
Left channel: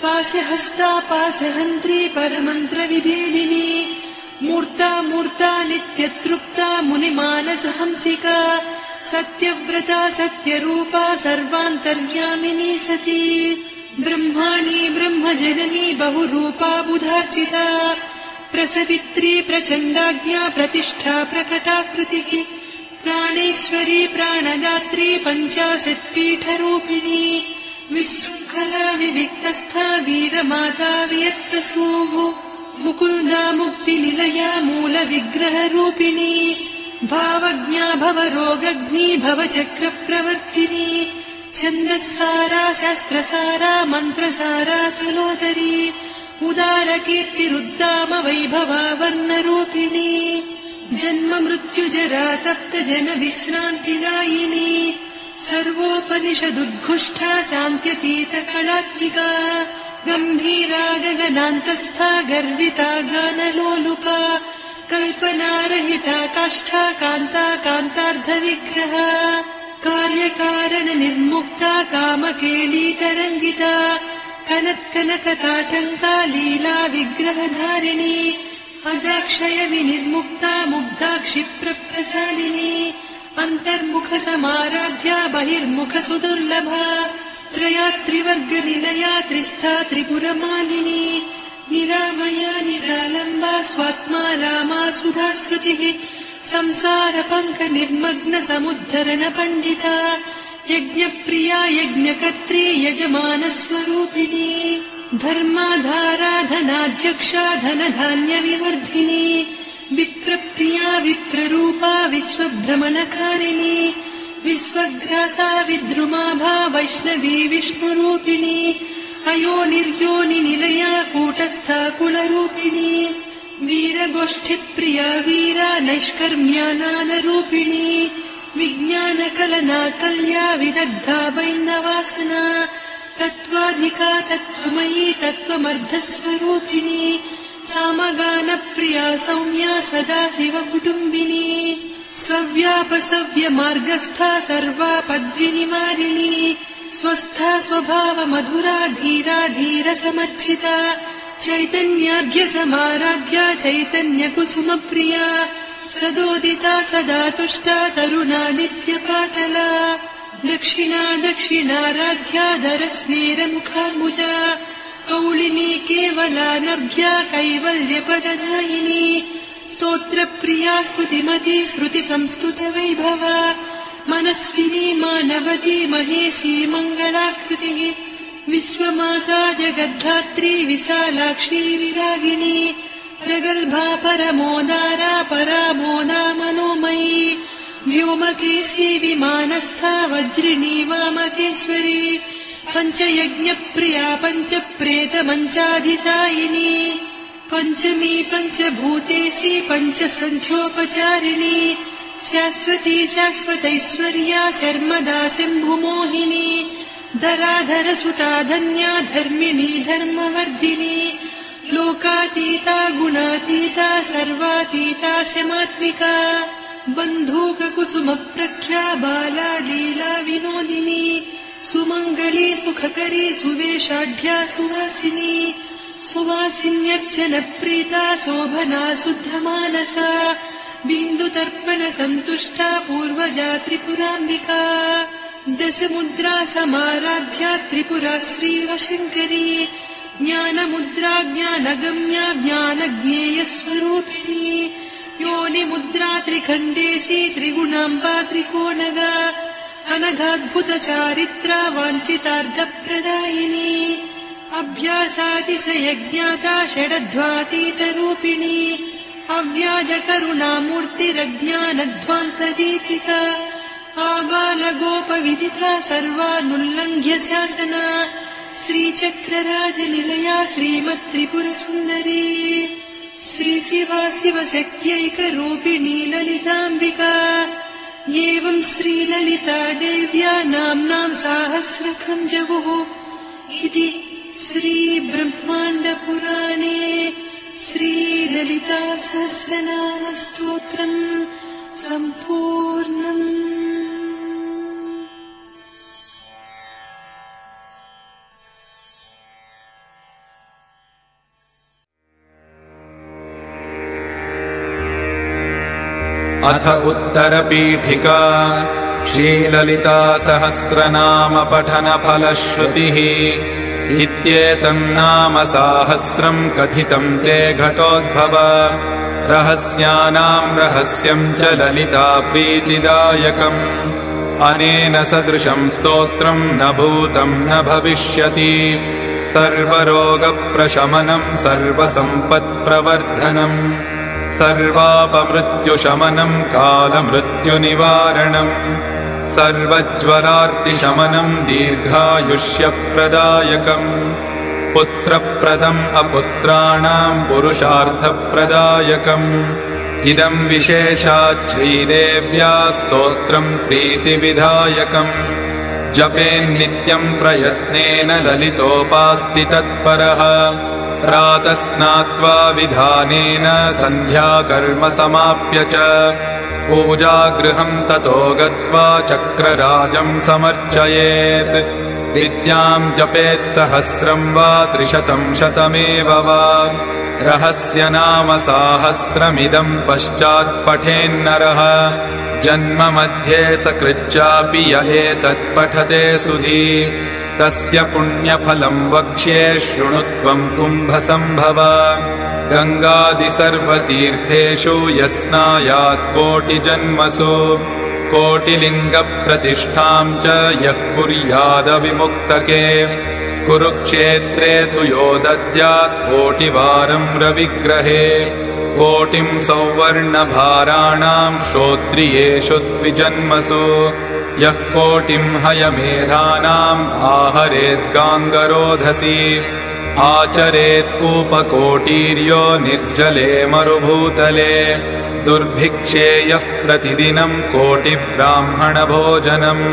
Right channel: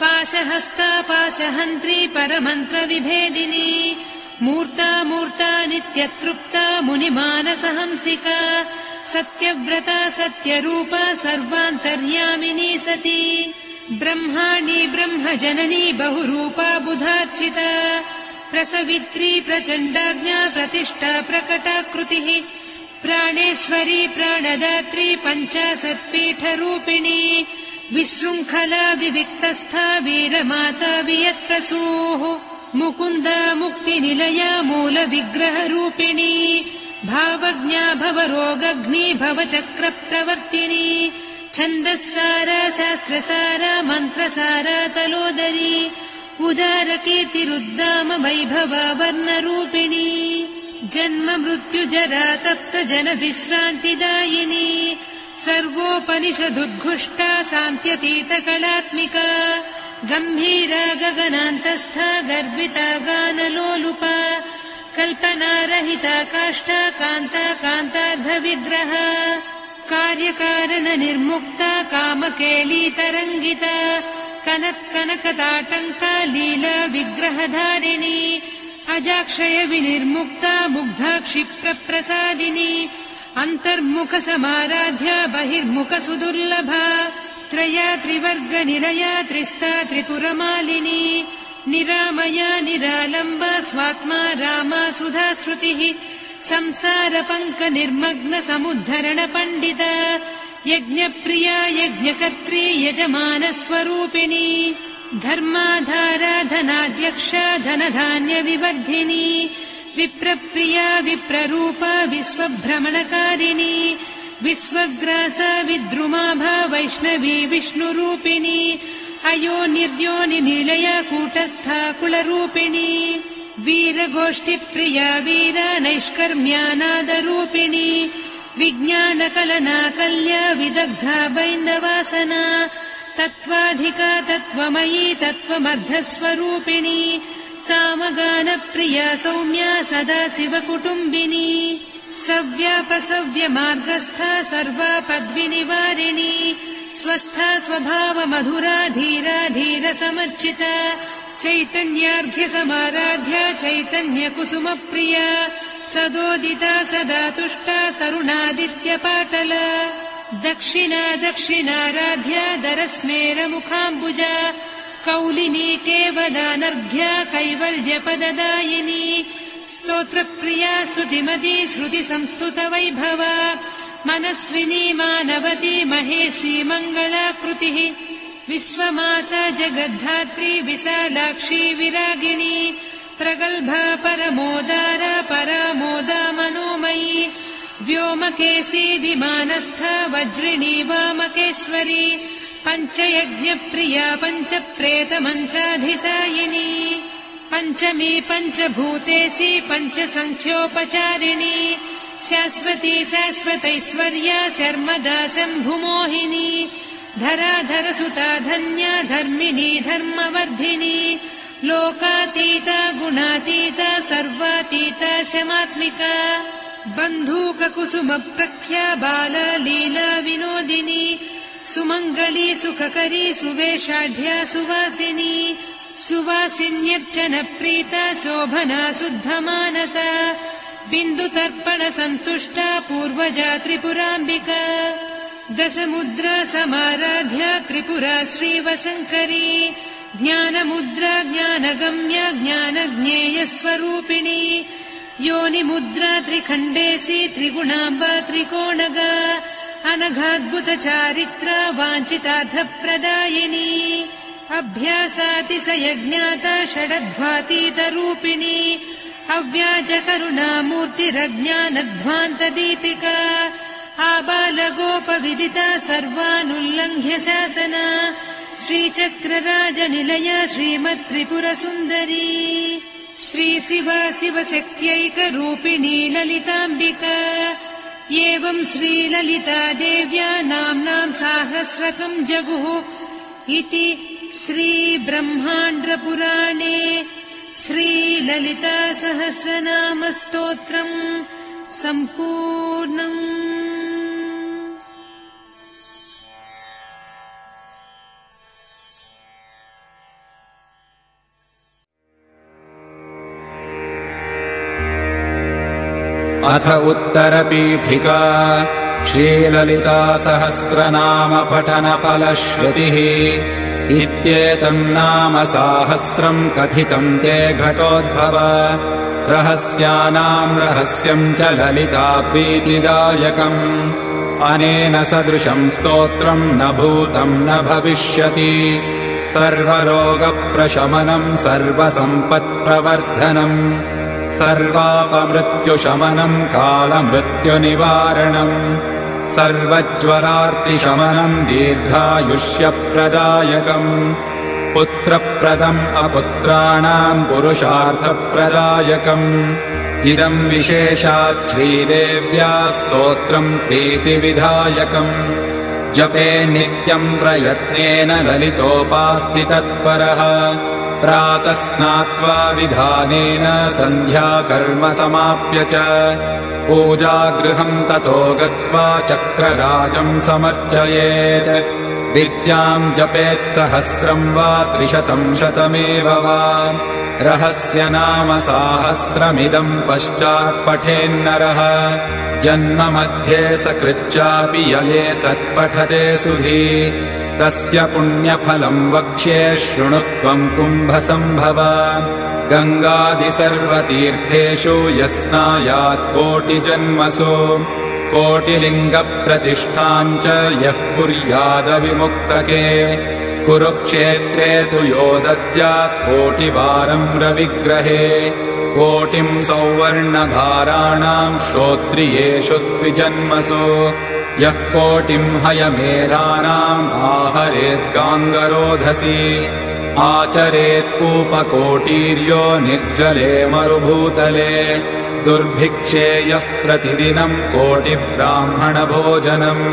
पाशहस्ता पाशहन्त्री परमन्त्रविभेदिनी मूर्ता मूर्ता नित्यतृप्ता मुनिमानसहंसिका सत्यव्रता सत्यरूपा सर्वान्तर्यामिनी सती ब्रह्माणी ब्रह्मजननी बहुरूपा बुधार्चिता प्रसवित्री प्रचण्डाज्ञा प्रतिष्ठा प्रकटाकृतिः प्राणेश्वरी प्राणदात्री पञ्चाशत्पीठरूपिणी विशृङ्खला विविक्तस्था वीरमाता वियत्प्रसूः मुकुन्दा मुक्तिनिलया मूलविग्रहरूपिणी भावज्ञा भवरोगग्नी भवचक्रप्रवर्तिनी छन्दस्सारा शास्त्रसारा मन्त्रसारा तलोदरी उदारकीर्तिरुद्दाम वैभवा वर्णरूपिणी जन्म मृत्युजरा तप्त जन विश्रान्तिदायिनी सर्वोपनिषदुद्घुष्टा सान्त्यतीत कलात्मिका गम्भीरा गगनान्तस्था गर्विता गानलोलुपा कल्पनारहिता काष्ठा कान्ता कान्तार्धविग्रहा कार्यकारण निर्मुक्ता कामकेळीतरङ्गिता कनत्कनकताटङ्का लीला विग्रहधारिणी अजाक्षय विनिर्मुक्ता मुग्धा क्षिप्रप्रसादिनी अन्तर्मुख समाराध्या बहिर्मुख सुदुर्लभा त्रया त्रिवर्गनिलया त्रिस्था त्रिपुरमालिनी निरामया निरालम्बा स्वात्मा रामा सुधा श्रुतिः संसारपङ्क निर्मग्न समुद्धरण पण्डिता यज्ञप्रिया यज्ञकर्त्री यजमानस्वरूपिणी धर्माधारा धनाध्यक्षा धनधान्य विवर्धिनी विप्रप्रिया विप्ररूपा विश्वभ्रमणकारिणी विश्वग्रासा विद्रुमाभा वैष्णवी विष्णुरूपिणी अयोनिर्योनिनिलया कूटस्था कुलरूपिणी वीरगोष्ठिप्रिया वीरा नैष्कर्म्यानादरूपिणी विज्ञानकलना कल्या विदग्धा वैन्दवासना तत्त्वाधिका तत्त्वमयी तत्त्वमर्धस्वरूपिणी सामगानप्रिया सौम्या सदा शिवकुटुम्बिनी सव्यापसव्यमार्गस्था सर्वापद्विनिवारिणी स्वस्था स्वभावमधुरा धीरा धीरसमर्चिता चैतन्यार्घ्यसमाराध्या चैतन्यकुसुमप्रिया सदोदिता सदा तुष्टा तरुणादित्यपाटला दक्षिणा दक्षिणाराध्या दरस्मेरमुखाम्बुजा कौलिनी केवलानभ्या कैवल्यपददायिनी स्तोत्रप्रिया स्तुतिमती श्रुतिसंस्तुतवैभवा मनस्विनी मानवती महेशी मङ्गलाकृतिः विश्वमाता जगद्धात्री विशालाक्षी विरागिणी प्रगल्भा परमोदारा परामोदा मनोमयी व्योमकेशी विमानस्था वज्रिणी वामकेश्वरी पञ्चयज्ञप्रिया पञ्चप्रेतमञ्चाधिसायिनी पञ्चमी पञ्चभूतेशी पञ्चसङ्ख्योपचारिणी शाश्वती शाश्वतैश्वर्या शर्मदा शम्भुमोहिनी धराधरसुता धन्या धर्मिणी धर्मवर्धिनी लोकातीता गुणातीता सर्वातीता शमात्मिका बन्धूककुसुमप्रख्या बाला लीला विनोदिनी सुमङ्गली सुखकरी सुवेशाढ्या सुवासिनी सुवासिन्यर्चनप्रीता शोभना शुद्धमानसा बिन्दुतर्पणसन्तुष्टा पूर्वजा त्रिपुराम्बिका दशमुद्रा समाराध्या त्रिपुरा श्रीवशङ्करी ज्ञानमुद्रा ज्ञानगम्या ज्ञानज्ञेयस्वरूपिणी योनिमुद्रा त्रिखण्डेशी त्रिगुणाम्बा त्रिकोणगा अनघाद्भुतचारित्रा वाञ्छितार्थप्रदायिनी अभ्यासातिशयज्ञाता षडध्वातीतरूपिणी अव्याजकरुणामूर्तिरज्ञानध्वान्तदीपिका आबालगोपविदिता सर्वानुल्लङ्घ्य शासना श्रीचक्रराजनिलया श्रीमत्त्रिपुरसुन्दरी श्रीशिवा शिवशक्त्यैकरूपिणी ललिताम्बिका एवं श्रीललिता देव्या नाम्नां साहस्रकं जगुः इति श्रीब्रह्माण्डपुराणे श्रीललिता सहस्रनामस्तोत्रम् सम्पूर्णम्। अथ उत्तरपीठिका श्रीललिता सहस्रनाम पठनफलश्रुतिः इत्येतन्नाम साहस्रम् कथितम् ते घटोद्भव रहस्यानाम् रहस्यम् च ललिता प्रीतिदायकम् अनेन सदृशम् स्तोत्रम् न भूतम् न भविष्यति सर्वरोगप्रशमनम् सर्वसम्पत्प्रवर्धनम् सर्वापमृत्युशमनम् कालमृत्युनिवारणम् सर्वज्वरार्तिशमनम् दीर्घायुष्यप्रदायकम् पुत्रप्रदम् अपुत्राणाम् पुरुषार्थप्रदायकम् इदं विशेषात् श्रीदेव्या स्तोत्रम् प्रीतिविधायकम् जपे नित्यम् प्रयत्नेन ललितोपास्ति तत्परः प्रातः स्नात्वा विधानेन सन्ध्याकर्म समाप्य च पूजागृहम् ततो गत्वा चक्रराजम् समर्चयेत् विद्याम् जपेत् सहस्रम् वा 300 वा रहस्यनाम साहस्रमिदम् पश्चात् पठेन्नरः जन्म मध्ये सकृच्चापि य एतत्पठते सुधी तस्य पुण्यफलम् वक्ष्ये शृणुत्वम् कुम्भसम्भव गङ्गादि सर्वतीर्थेषु यस्नायात् कोटिजन्मसु कोटिलिङ्गप्रतिष्ठाम् च यः कुर्यादविमुक्तके कुरुक्षेत्रे तु यो दद्यात् कोटिवारम् रविग्रहे कोटिम् सौवर्णभाराणाम् श्रोत्रियेषु द्विजन्मसु यः कोटिम् हयमेधानाम् आहरेद्गाङ्गरोधसी आचरेत् कूपकोटीर्यो निर्जले मरुभूतले दुर्भिक्षे यः प्रतिदिनम् कोटिब्राह्मणभोजनम्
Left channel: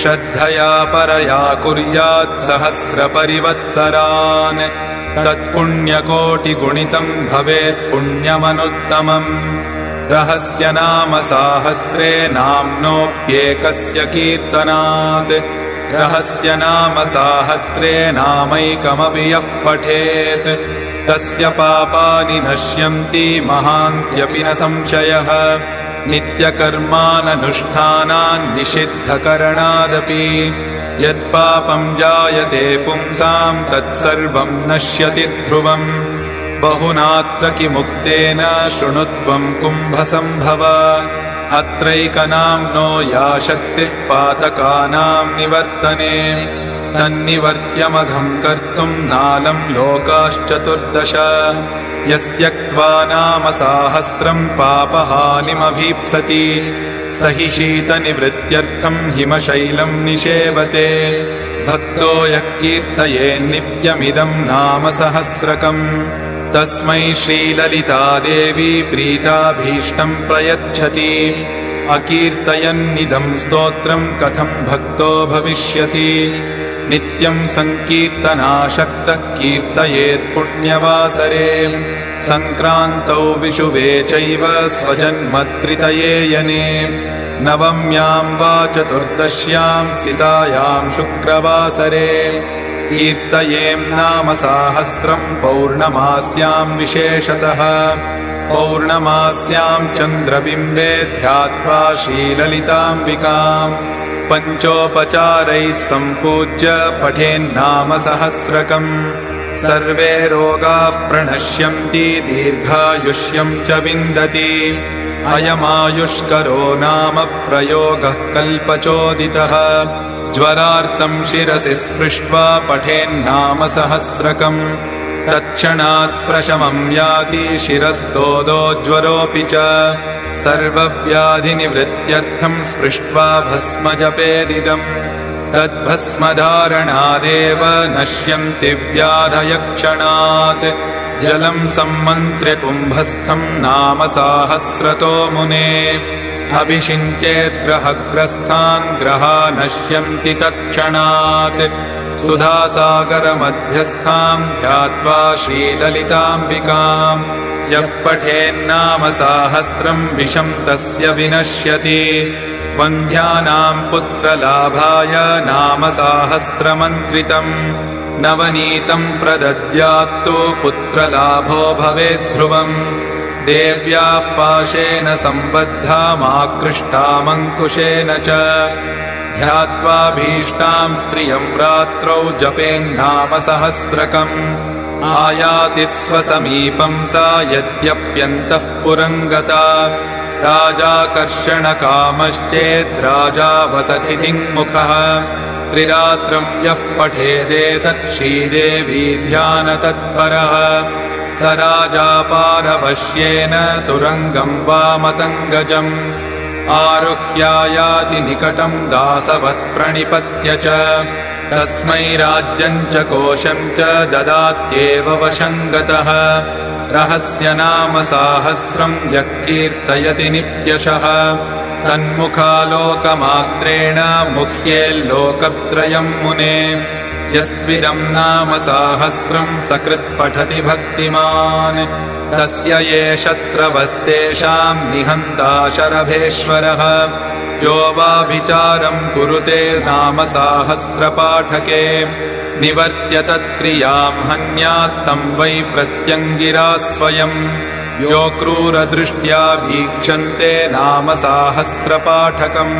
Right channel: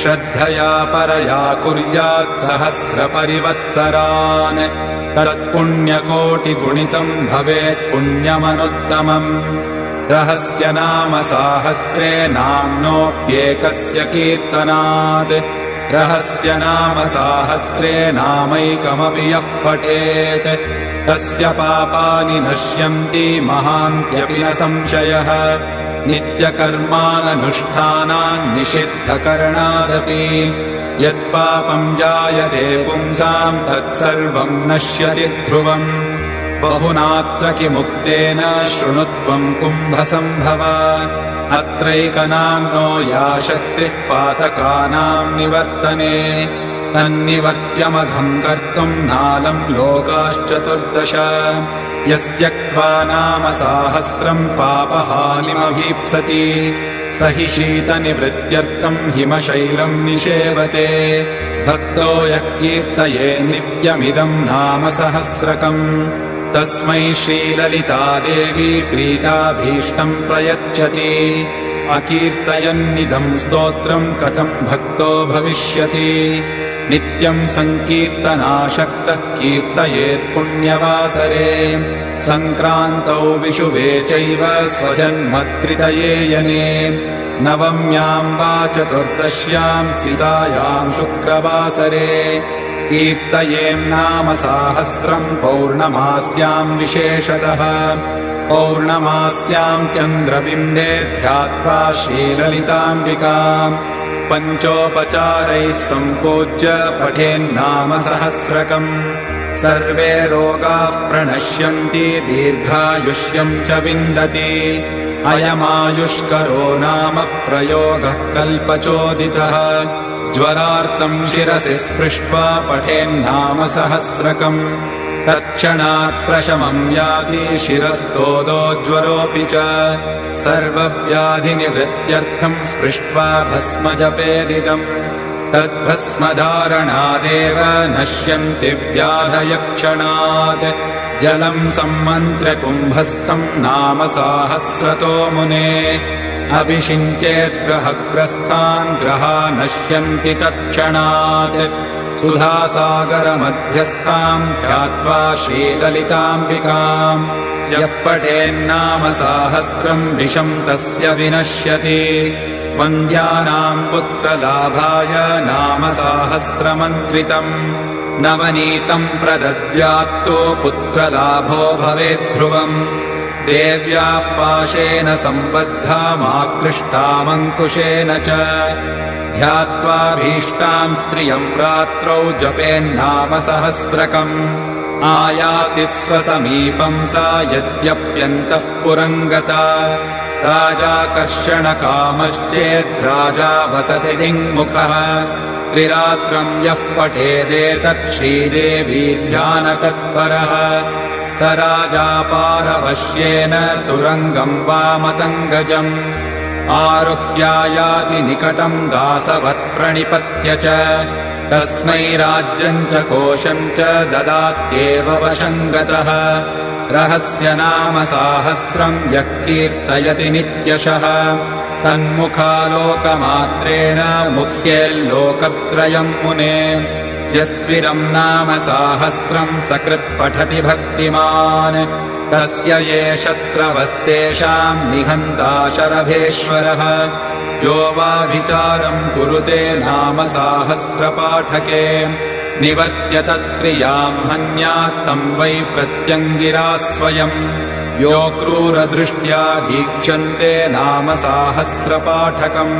श्रद्धया परया कुर्यात् सहस्रपरिवत्सरान् तत्पुण्यकोटिगुणितम् भवेत् पुण्यमनुत्तमम् रहस्यनाम साहस्रे नाम्नोऽप्येकस्य कीर्तनात् रहस्यनाम साहस्रे नामैकमपि यः पठेत् तस्य पापानि नश्यन्ति महान्त्यपि न संशयः नित्यकर्माननुष्ठानान् निषिद्धकरणादपि यत्पापम् जायते पुंसाम् तत्सर्वम् नश्यति ध्रुवम् बहुनात्र किमुक्तेन शृणुत्वम् कुम्भसम्भव अत्रैकनाम्नो या शक्तिः पातकानाम् निवर्तने तन्निवर्त्यमघम् कर्तुम् नालम् लोकाश्चतुर्दश यस्त्यक्त्वा नाम साहस्रम् पापहानिमभीप्सति स हि शीतनिवृत्त्यर्थम् हिमशैलम् निषेवते भक्तो यः कीर्तयेन्नित्यमिदम् नाम सहस्रकम् तस्मै श्रीललितादेवी प्रीताभीष्टम् प्रयच्छति अकीर्तयन्निदम् स्तोत्रम् कथम् भक्तो भविष्यति नित्यम् सङ्कीर्तनाशक्तः कीर्तयेत् पुण्यवासरे सङ्क्रान्तौ विषुवे चैव स्वजन्मत्रितये यने नवम्याम् वा चतुर्दश्याम् सितायाम् शुक्रवासरे कीर्तयेम् नाम साहस्रम् पौर्णमास्याम् विशेषतः पौर्णमास्याम् चन्द्रबिम्बे ध्यात्वा श्रीललिताम्बिकाम् पञ्चोपचारैः सम्पूज्य पठेन्नाम सहस्रकम् सर्वे रोगाः प्रणश्यन्ति दीर्घायुष्यम् च विन्दति अयमायुष्करो नाम प्रयोगः कल्पचोदितः ज्वरार्तम् शिरसि स्पृष्ट्वा पठेन्नाम सहस्रकम् तत्क्षणात् प्रशमम् याति शिरस्तोदो ज्वरोऽपि च सर्वव्याधिनिवृत्त्यर्थम् स्पृष्ट्वा भस्म जपेदिदम् तद्भस्मधारणादेव नश्यन्ति व्याधयक्षणात् जलम् सम्मन्त्र्य कुम्भस्थम् नाम साहस्रतो मुने अभिषिञ्चेत् ग्रहग्रस्तान् ग्रहा नश्यन्ति तत्क्षणात् सुधासागरमध्यस्थाम् ध्यात्वा श्रीललिताम्बिकाम् यः पठेन्नाम साहस्रम् विषम् तस्य विनश्यति वन्ध्यानाम् पुत्रलाभाय नाम साहस्रमन्त्रितम् नवनीतम् प्रदद्यात्तु पुत्रलाभो भवेद्ध्रुवम् देव्याः पाशेन सम्बद्धामाकृष्टामङ्कुशेन च ध्यात्वा भीष्टाम् स्त्रियम् रात्रौ जपेन्नाम सहस्रकम् आयाति स्वसमीपम् सा यद्यप्यन्तः पुरम् गता राजाकर्षणकामश्चेद्राजा वसति दिङ्मुखः त्रिरात्रम् यः पठेदेतत् श्रीदेवी ध्यानतत्परः स राजा पारवश्येन तुरङ्गम् वा मतङ्गजम् आरुह्यायाति निकटम् दासवत् प्रणिपत्य च तस्मै राज्यम् च कोशम् च ददात्येव वशङ्गतः रहस्यनाम साहस्रम् यः कीर्तयति नित्यशः तन्मुखालोकमात्रेण मुह्येल्लोकत्रयम् मुने यस्त्विदम् नाम साहस्रम् सकृत् पठति भक्तिमान् तस्य ये शत्रवस्तेषाम् निहन्ता शरभेश्वरः यो वा विचारम् कुरुते नाम साहस्रपाठके निवर्त्य तत्क्रियाम् हन्यात्तम् वै प्रत्यङ्गिरा स्वयम् यो क्रूरदृष्ट्या वीक्षन्ते नाम साहस्रपाठकम्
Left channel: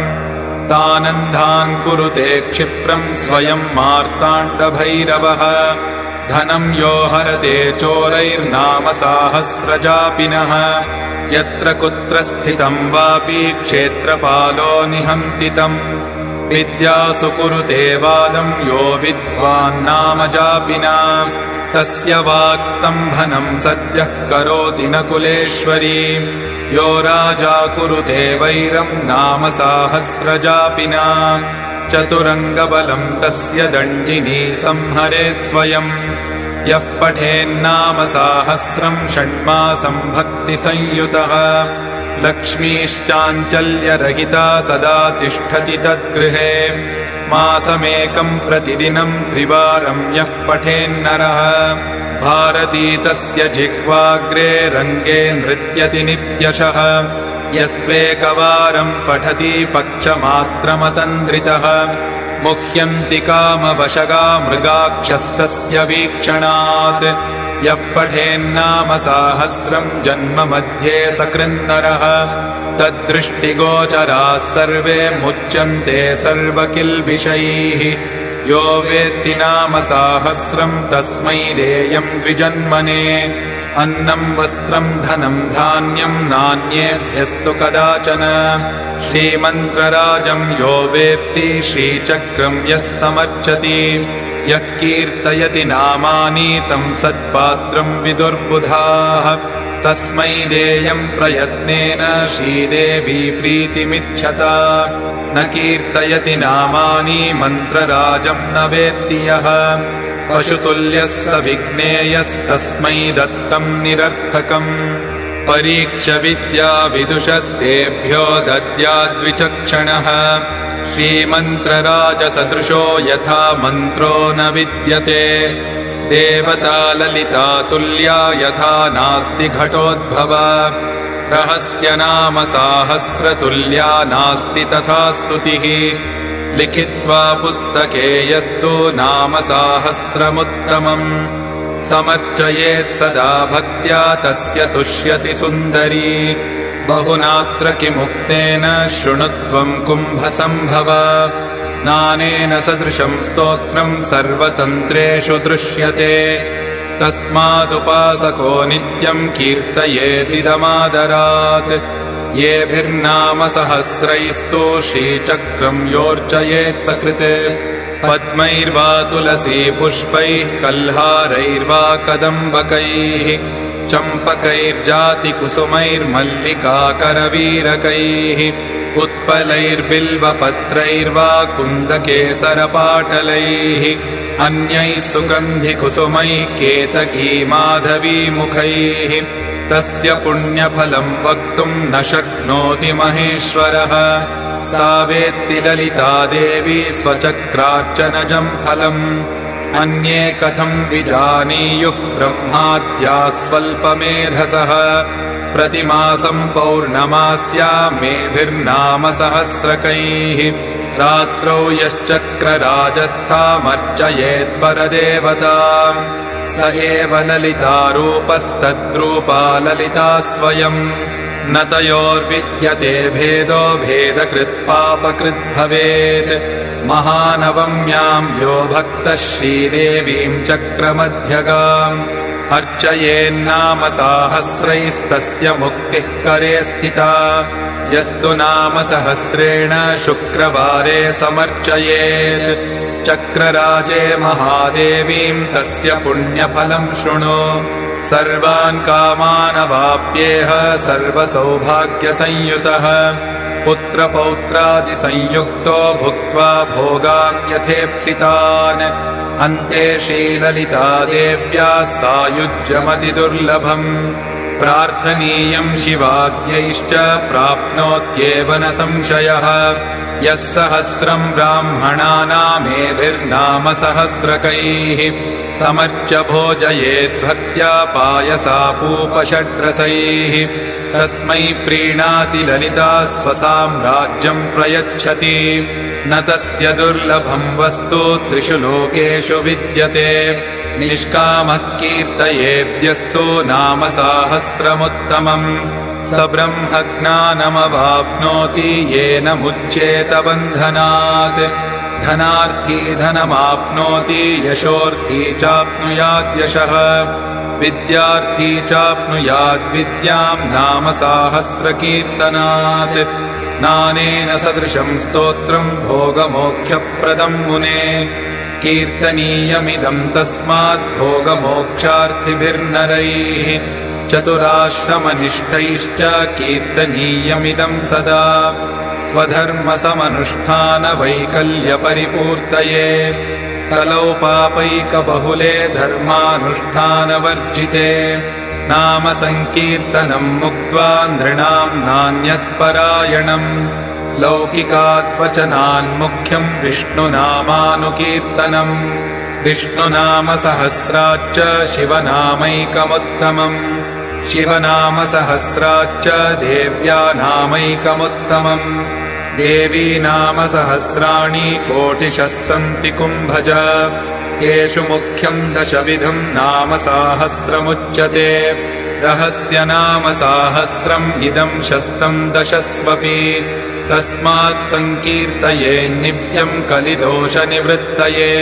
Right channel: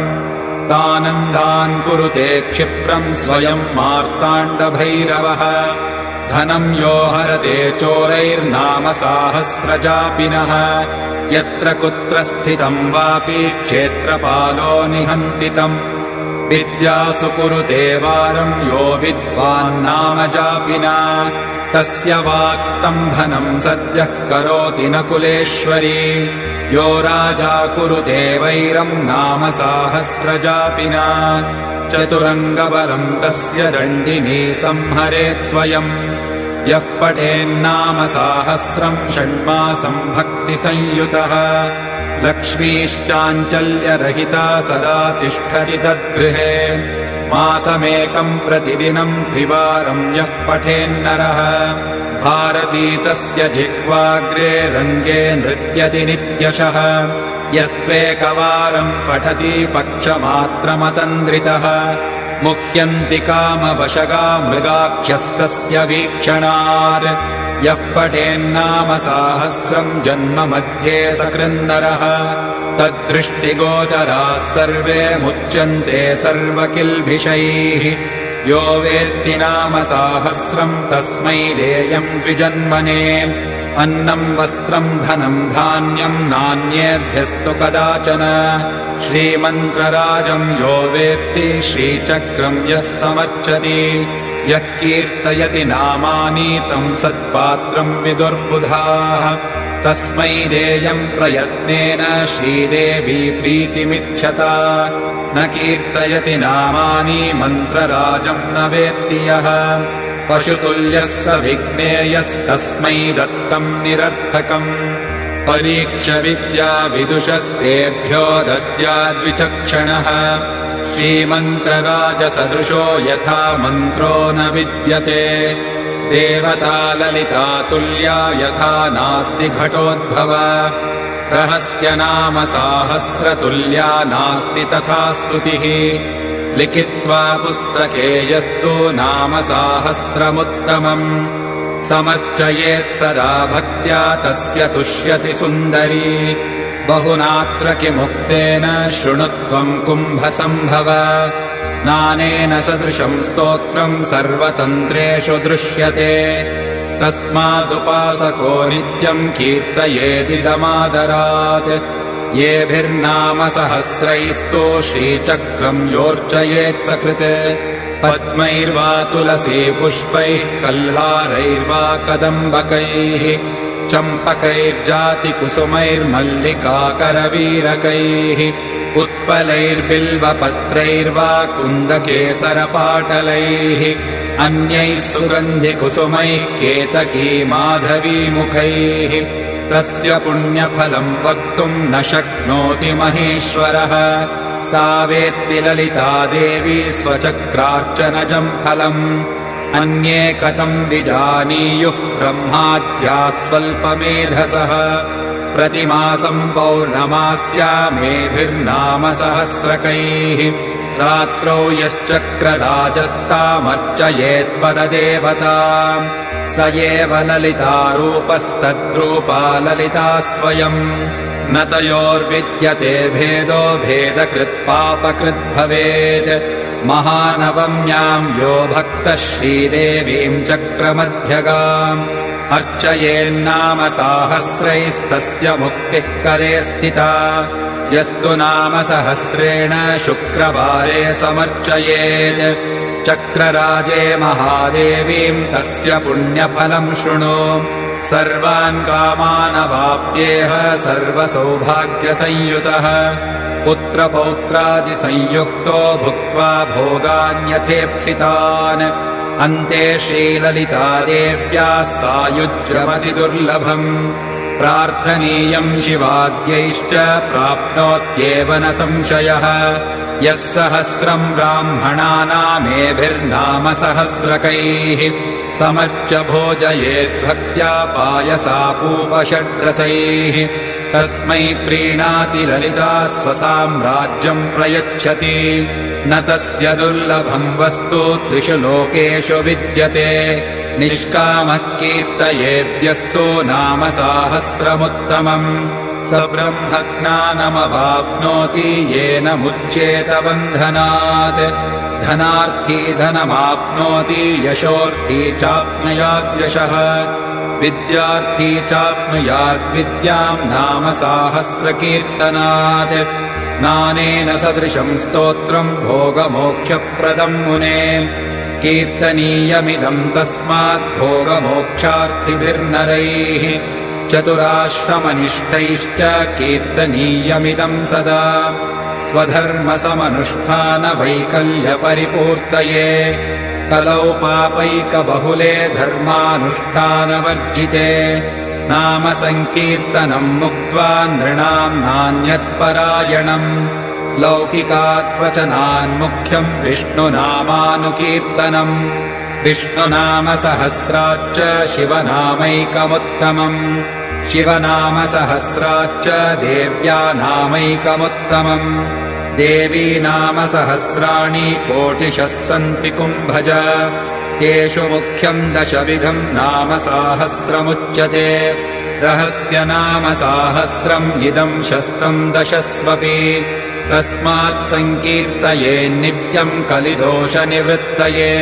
तानन्धान् कुरुते क्षिप्रम् स्वयम् मार्ताण्डभैरवः धनम् यो हरते चोरैर्नाम साहस्रजापिनः यत्र कुत्र स्थितम् वापि क्षेत्रपालो निहन्ति तम् विद्यासु कुरुते वारम् यो विद्वान्नाम जापिना तस्य वाक्स्तम्भनम् सद्यः करोति न कुलेश्वरी यो राजा कुरुते वैरम् नाम साहस्रजापिना चतुरङ्गबलम् तस्य दण्डिनी संहरेत् स्वयम् यः पठेन्नाम साहस्रम् षण्मासम् भक्तिसंयुतः लक्ष्मीश्चाञ्चल्यरहिता सदा तिष्ठति तद्गृहे मासमेकम् प्रतिदिनम् त्रिवारम् यः पठेन्नरः भारती तस्य जिह्वाग्रे रङ्गे नृत्यति नित्यशः यस्त्वेकवारम् पठति पक्षमात्रमतन्द्रितः मुह्यन्ति कामवशगा मृगाक्षस्तस्य वीक्षणात् यः पठेन्नाम साहस्रम् जन्म मध्ये सकृन्नरः तद्दृष्टिगोचराः सर्वे मुच्यन्ते सर्वकिल्बिषैः यो वेत्ति नाम साहस्रम् तस्मै देयम् द्विजन्मने अन्नम् वस्त्रम् धनम् धान्यम् नान्येभ्यस्तु कदाचन श्रीमन्त्रराजम् यो वेत्ति श्रीचक्रम् यः समर्चति यः कीर्तयति नामानि तम् सत्पात्रम् विदुर्बुधाः तस्मै देयम् प्रयत्नेन श्रीदेवी प्रीतिमिच्छता न कीर्तयति नामानि मन्त्रराजम् न वेत्ति यः पशुतुल्यः स विज्ञेयस्तस्मै दत्तम् निरर्थकम् परीक्ष विद्या विदुषस्तेभ्यो दद्याद्विचक्षणः श्रीमन्त्रराजसदृशो यथा मन्त्रो न विद्यते देवता ललिता तुल्या यथा नास्ति घटोद्भवा रहस्यनाम साहस्रतुल्या नास्ति तथा स्तुतिः लिखित्वा पुस्तके यस्तु नाम साहस्रमुत्तमम् समर्चयेत् सदा भक्त्या तस्य तुष्यति सुन्दरी बहुनात्र किमुक्तेन शृणुत्वम् कुम्भसम्भव नानेन सदृशम् स्तोत्रम् सर्वतन्त्रेषु दृश्यते तस्मादुपासको नित्यम् कीर्तयेदिदमादरात् येभिर्नाम सहस्रैस्तु श्रीचक्रम् योर्चयेत् सकृत् पद्मैर्वा तुलसी पुष्पैः कल्हारैर्वा कदम्बकैः चम्पकैर्जातिकुसुमैर्मल्लिकाकरवीरकैः उत्पलैर्बिल्वपत्रैर्वा कुन्दकेसरपाटलैः अन्यैः सुगन्धिकुसुमैः केतकी माधवीमुखैः तस्य पुण्यफलम् वक्तुम् न शक्नोति महेश्वरः सा वेत्ति ललिता देवी स्वचक्रार्चनजम् फलम् अन्ये कथम् विजानीयुः ब्रह्माद्याः स्वल्पमेधसः प्रतिमासम् पौर्णमास्यामेभिर्नाम सहस्रकैः रात्रौ यश्चक्रराजस्थामर्चयेत्परदेवता स एव ललितारूपस्तद्रूपा ललिता स्वयम् न तयोर्विद्यते भेदो भेदकृत्पापकृत् भवेत् महानवम्याम् यो भक्तः श्रीदेवीम् चक्रमध्यगाम् अर्चयेन्नाम साहस्रैस्तस्य मुक्तिः करे स्थिता यस्तु नाम सहस्रेण शुक्रवारे समर्चयेत् चक्रराजे महादेवीम् तस्य पुण्यफलम् शृणु सर्वान् कामानवाप्येह सर्वसौभाग्यसंयुतः पुत्रपौत्रादिसंयुक्तो भुक्त्वा भोगान्यथेप्सितान् अन्ते श्रीललितादेव्याः सायुज्यमतिदुर्लभम् प्रार्थनीयम् शिवाद्यैश्च प्राप्नोत्येव न संशयः यः सहस्रम् ब्राह्मणानामेभिर्नाम सहस्रकैः समर्च्य भोजयेद्भक्त्या पायसापूपषड्रसैः तस्मै प्रीणाति ललिता स्वसाम्राज्यम् प्रयच्छति न तस्य दुर्लभम् वस्तु त्रिषु लोकेषु विद्यते निष्कामः कीर्तयेद्यस्तु नाम साहस्रमुत्तमम् स ब्रह्मज्ञानमवाप्नोति येन मुच्येत बन्धनात् धनार्थी धनमाप्नोति यशोर्थी चाप्नुयाद्यशः विद्यार्थी चाप्नुयाद्विद्याम् नाम साहस्रकीर्तनात् नानेन सदृशम् स्तोत्रम् भोगमोक्षप्रदम् मुने कीर्तनीयमिदम् तस्मात् भोगमोक्षार्थिभिर्नरैः चतुराश्रमनिष्ठैश्च कीर्तनीयमिदम् सदा स्वधर्मसमनुष्ठानवैकल्यपरिपूर्तये कलौ पापैकबहुले धर्मानुष्ठानवर्जिते नाम सङ्कीर्तनम् मुक्त्वा नृणाम् नान्यत्परायणम् लौकिकात्वचनान्मुख्यम् विष्णुनामानुकीर्तनम् विष्णुनामसहस्राच्च शिवनामैकमुत्तमम् शिवनामसहस्राच्च देव्यानामैकमुत्तमम् देवी नाम सहस्राणि कोटिशः सन्ति कुम्भज तेषु मुख्यम् दशविधम् नाम साहस्रमुच्यते रहस्य नाम साहस्रम् इदम् शस्तम् दशस्वपि तस्मात् सङ्कीर्तये नित्यम् कलिदोषनिवृत्तये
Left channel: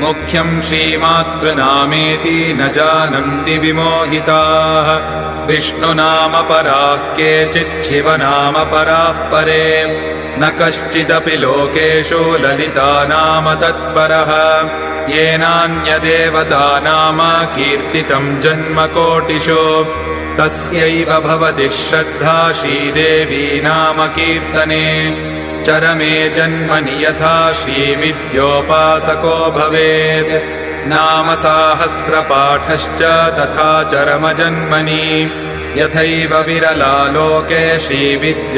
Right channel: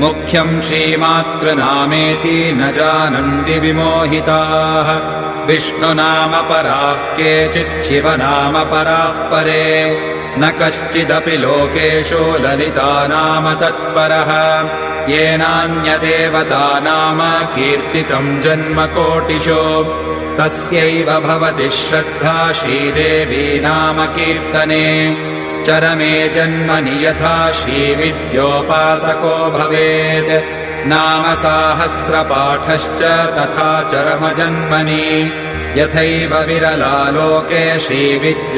मुख्यम् श्रीमातृनामेति न जानन्ति विमोहिताः विष्णुनामपराः केचित् शिवनामपराः परे न कश्चिदपि लोकेषु ललिता नाम तत्परः येनान्यदेवता नाम कीर्तितम् जन्मकोटिषु तस्यैव भवति श्रद्धा श्रीदेवी नाम कीर्तने चरमे जन्मनि यथा श्रीविद्योपासको भवेत् नाम साहस्रपाठश्च तथा चरमजन्मनि यथैव विरला लोके श्रीविद्याचारवेदिनः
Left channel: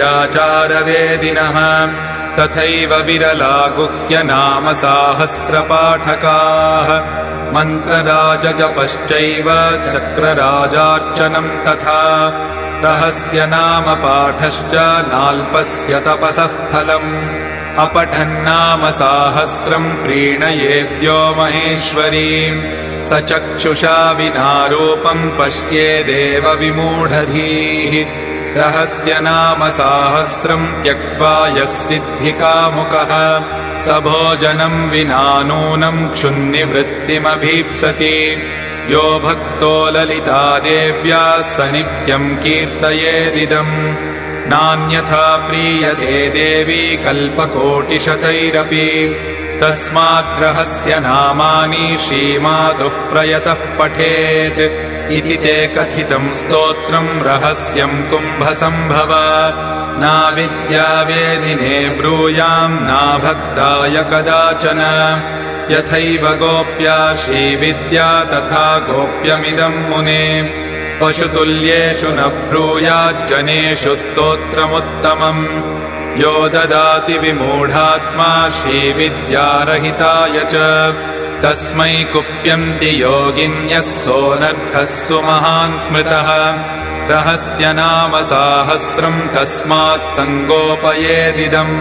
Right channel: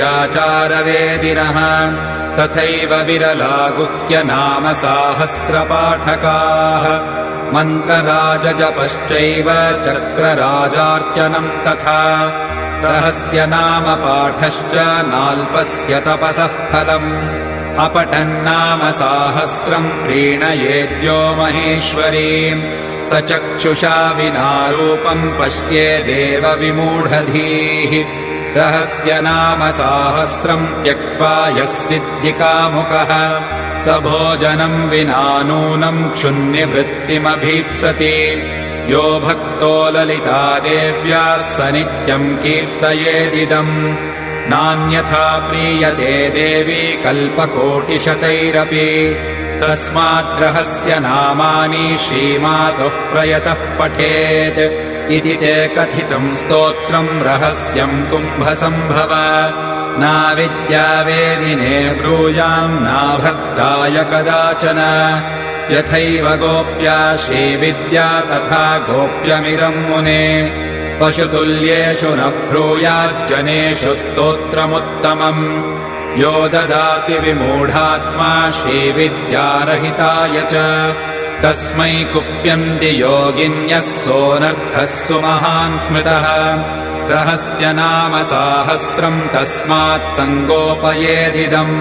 तथैव विरला गुह्यनाम साहस्रपाठकाः मन्त्रराजजपश्चैव चक्रराजार्चनम् तथा रहस्य नाम पाठश्च नाल्पस्य तपसः फलम् अपठन्नाम साहस्रम् प्रीणयेद्यो महेश्वरीम् स चक्षुषा विना रूपम् पश्येदेव विमूढधीः रहस्य नाम साहस्रम् त्यक्त्वा यः सिद्धिकामुकः स भोजनम् विना नूनम् क्षुन्निवृत्तिमभीप्सति यो भक्तो ललिता देव्याः स नित्यम् कीर्तयेदिदम् नान्यथा प्रीयते देवी कल्पकोटिशतैरपि तस्माद्रहस्य नामानि श्रीमातुः प्रयतः पठेत् इति ते कथितम् स्तोत्रम् रहस्यम् कुम्भसम्भव नाविद्यावेदिने ब्रूयाम् नाभक्ताय कदाचन यथैव गोप्या श्रीविद्या तथा गोप्यमिदम् मुने पशुतुल्येषु न ब्रूयाज्जनेषु स्तोत्रमुत्तमम् यो ददाति विमूढात्मा श्रीविद्यारहिताय च तस्मै कुप्यन्ति योगिन्यः सोऽनर्थः सुमहान् स्मृतः रहस्य नाम साहस्रम् तस्मात् सङ्गोपयेदिदम्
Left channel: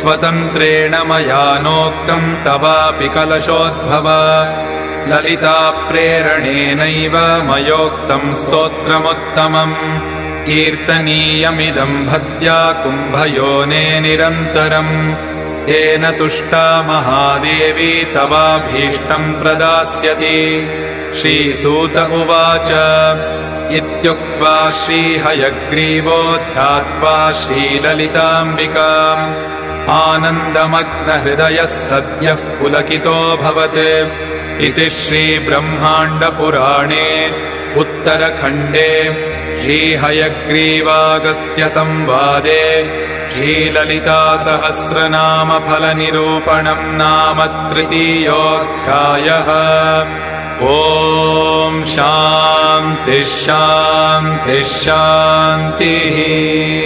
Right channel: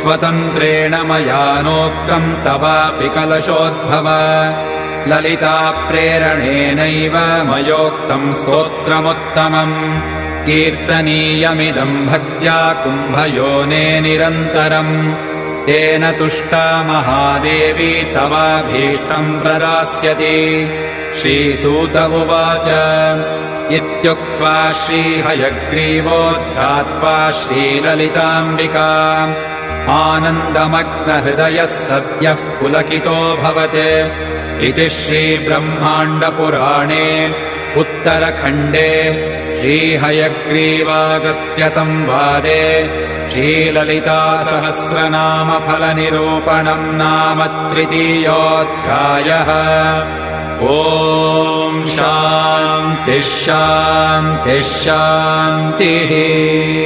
स्वतन्त्रेण मया नोक्तम् तवापि कलशोद्भव ललिता प्रेरणेनैव मयोक्तम् स्तोत्रमुत्तमम् कीर्तनीयमिदम् भक्त्या कुम्भयोने निरन्तरम् तेन तुष्टा महादेवी तवाभीष्टम् प्रदास्यति श्रीसूत उवाच इत्युक्त्वा श्रीहयग्रीवो ध्यात्वा श्रीललिताम्बिका आनन्दमग्नहृदयः सद्यः पुलकितोऽभवत् इति श्रीब्रह्माण्डपुराणे उत्तरखण्डे श्रीहयग्रीवागस्त्यसंवादे श्रीललितासहस्रनामफलनिरूपणम् नाम तृतीयोऽध्यायः। ॐ शान्तिः शान्तिः शान्तिः।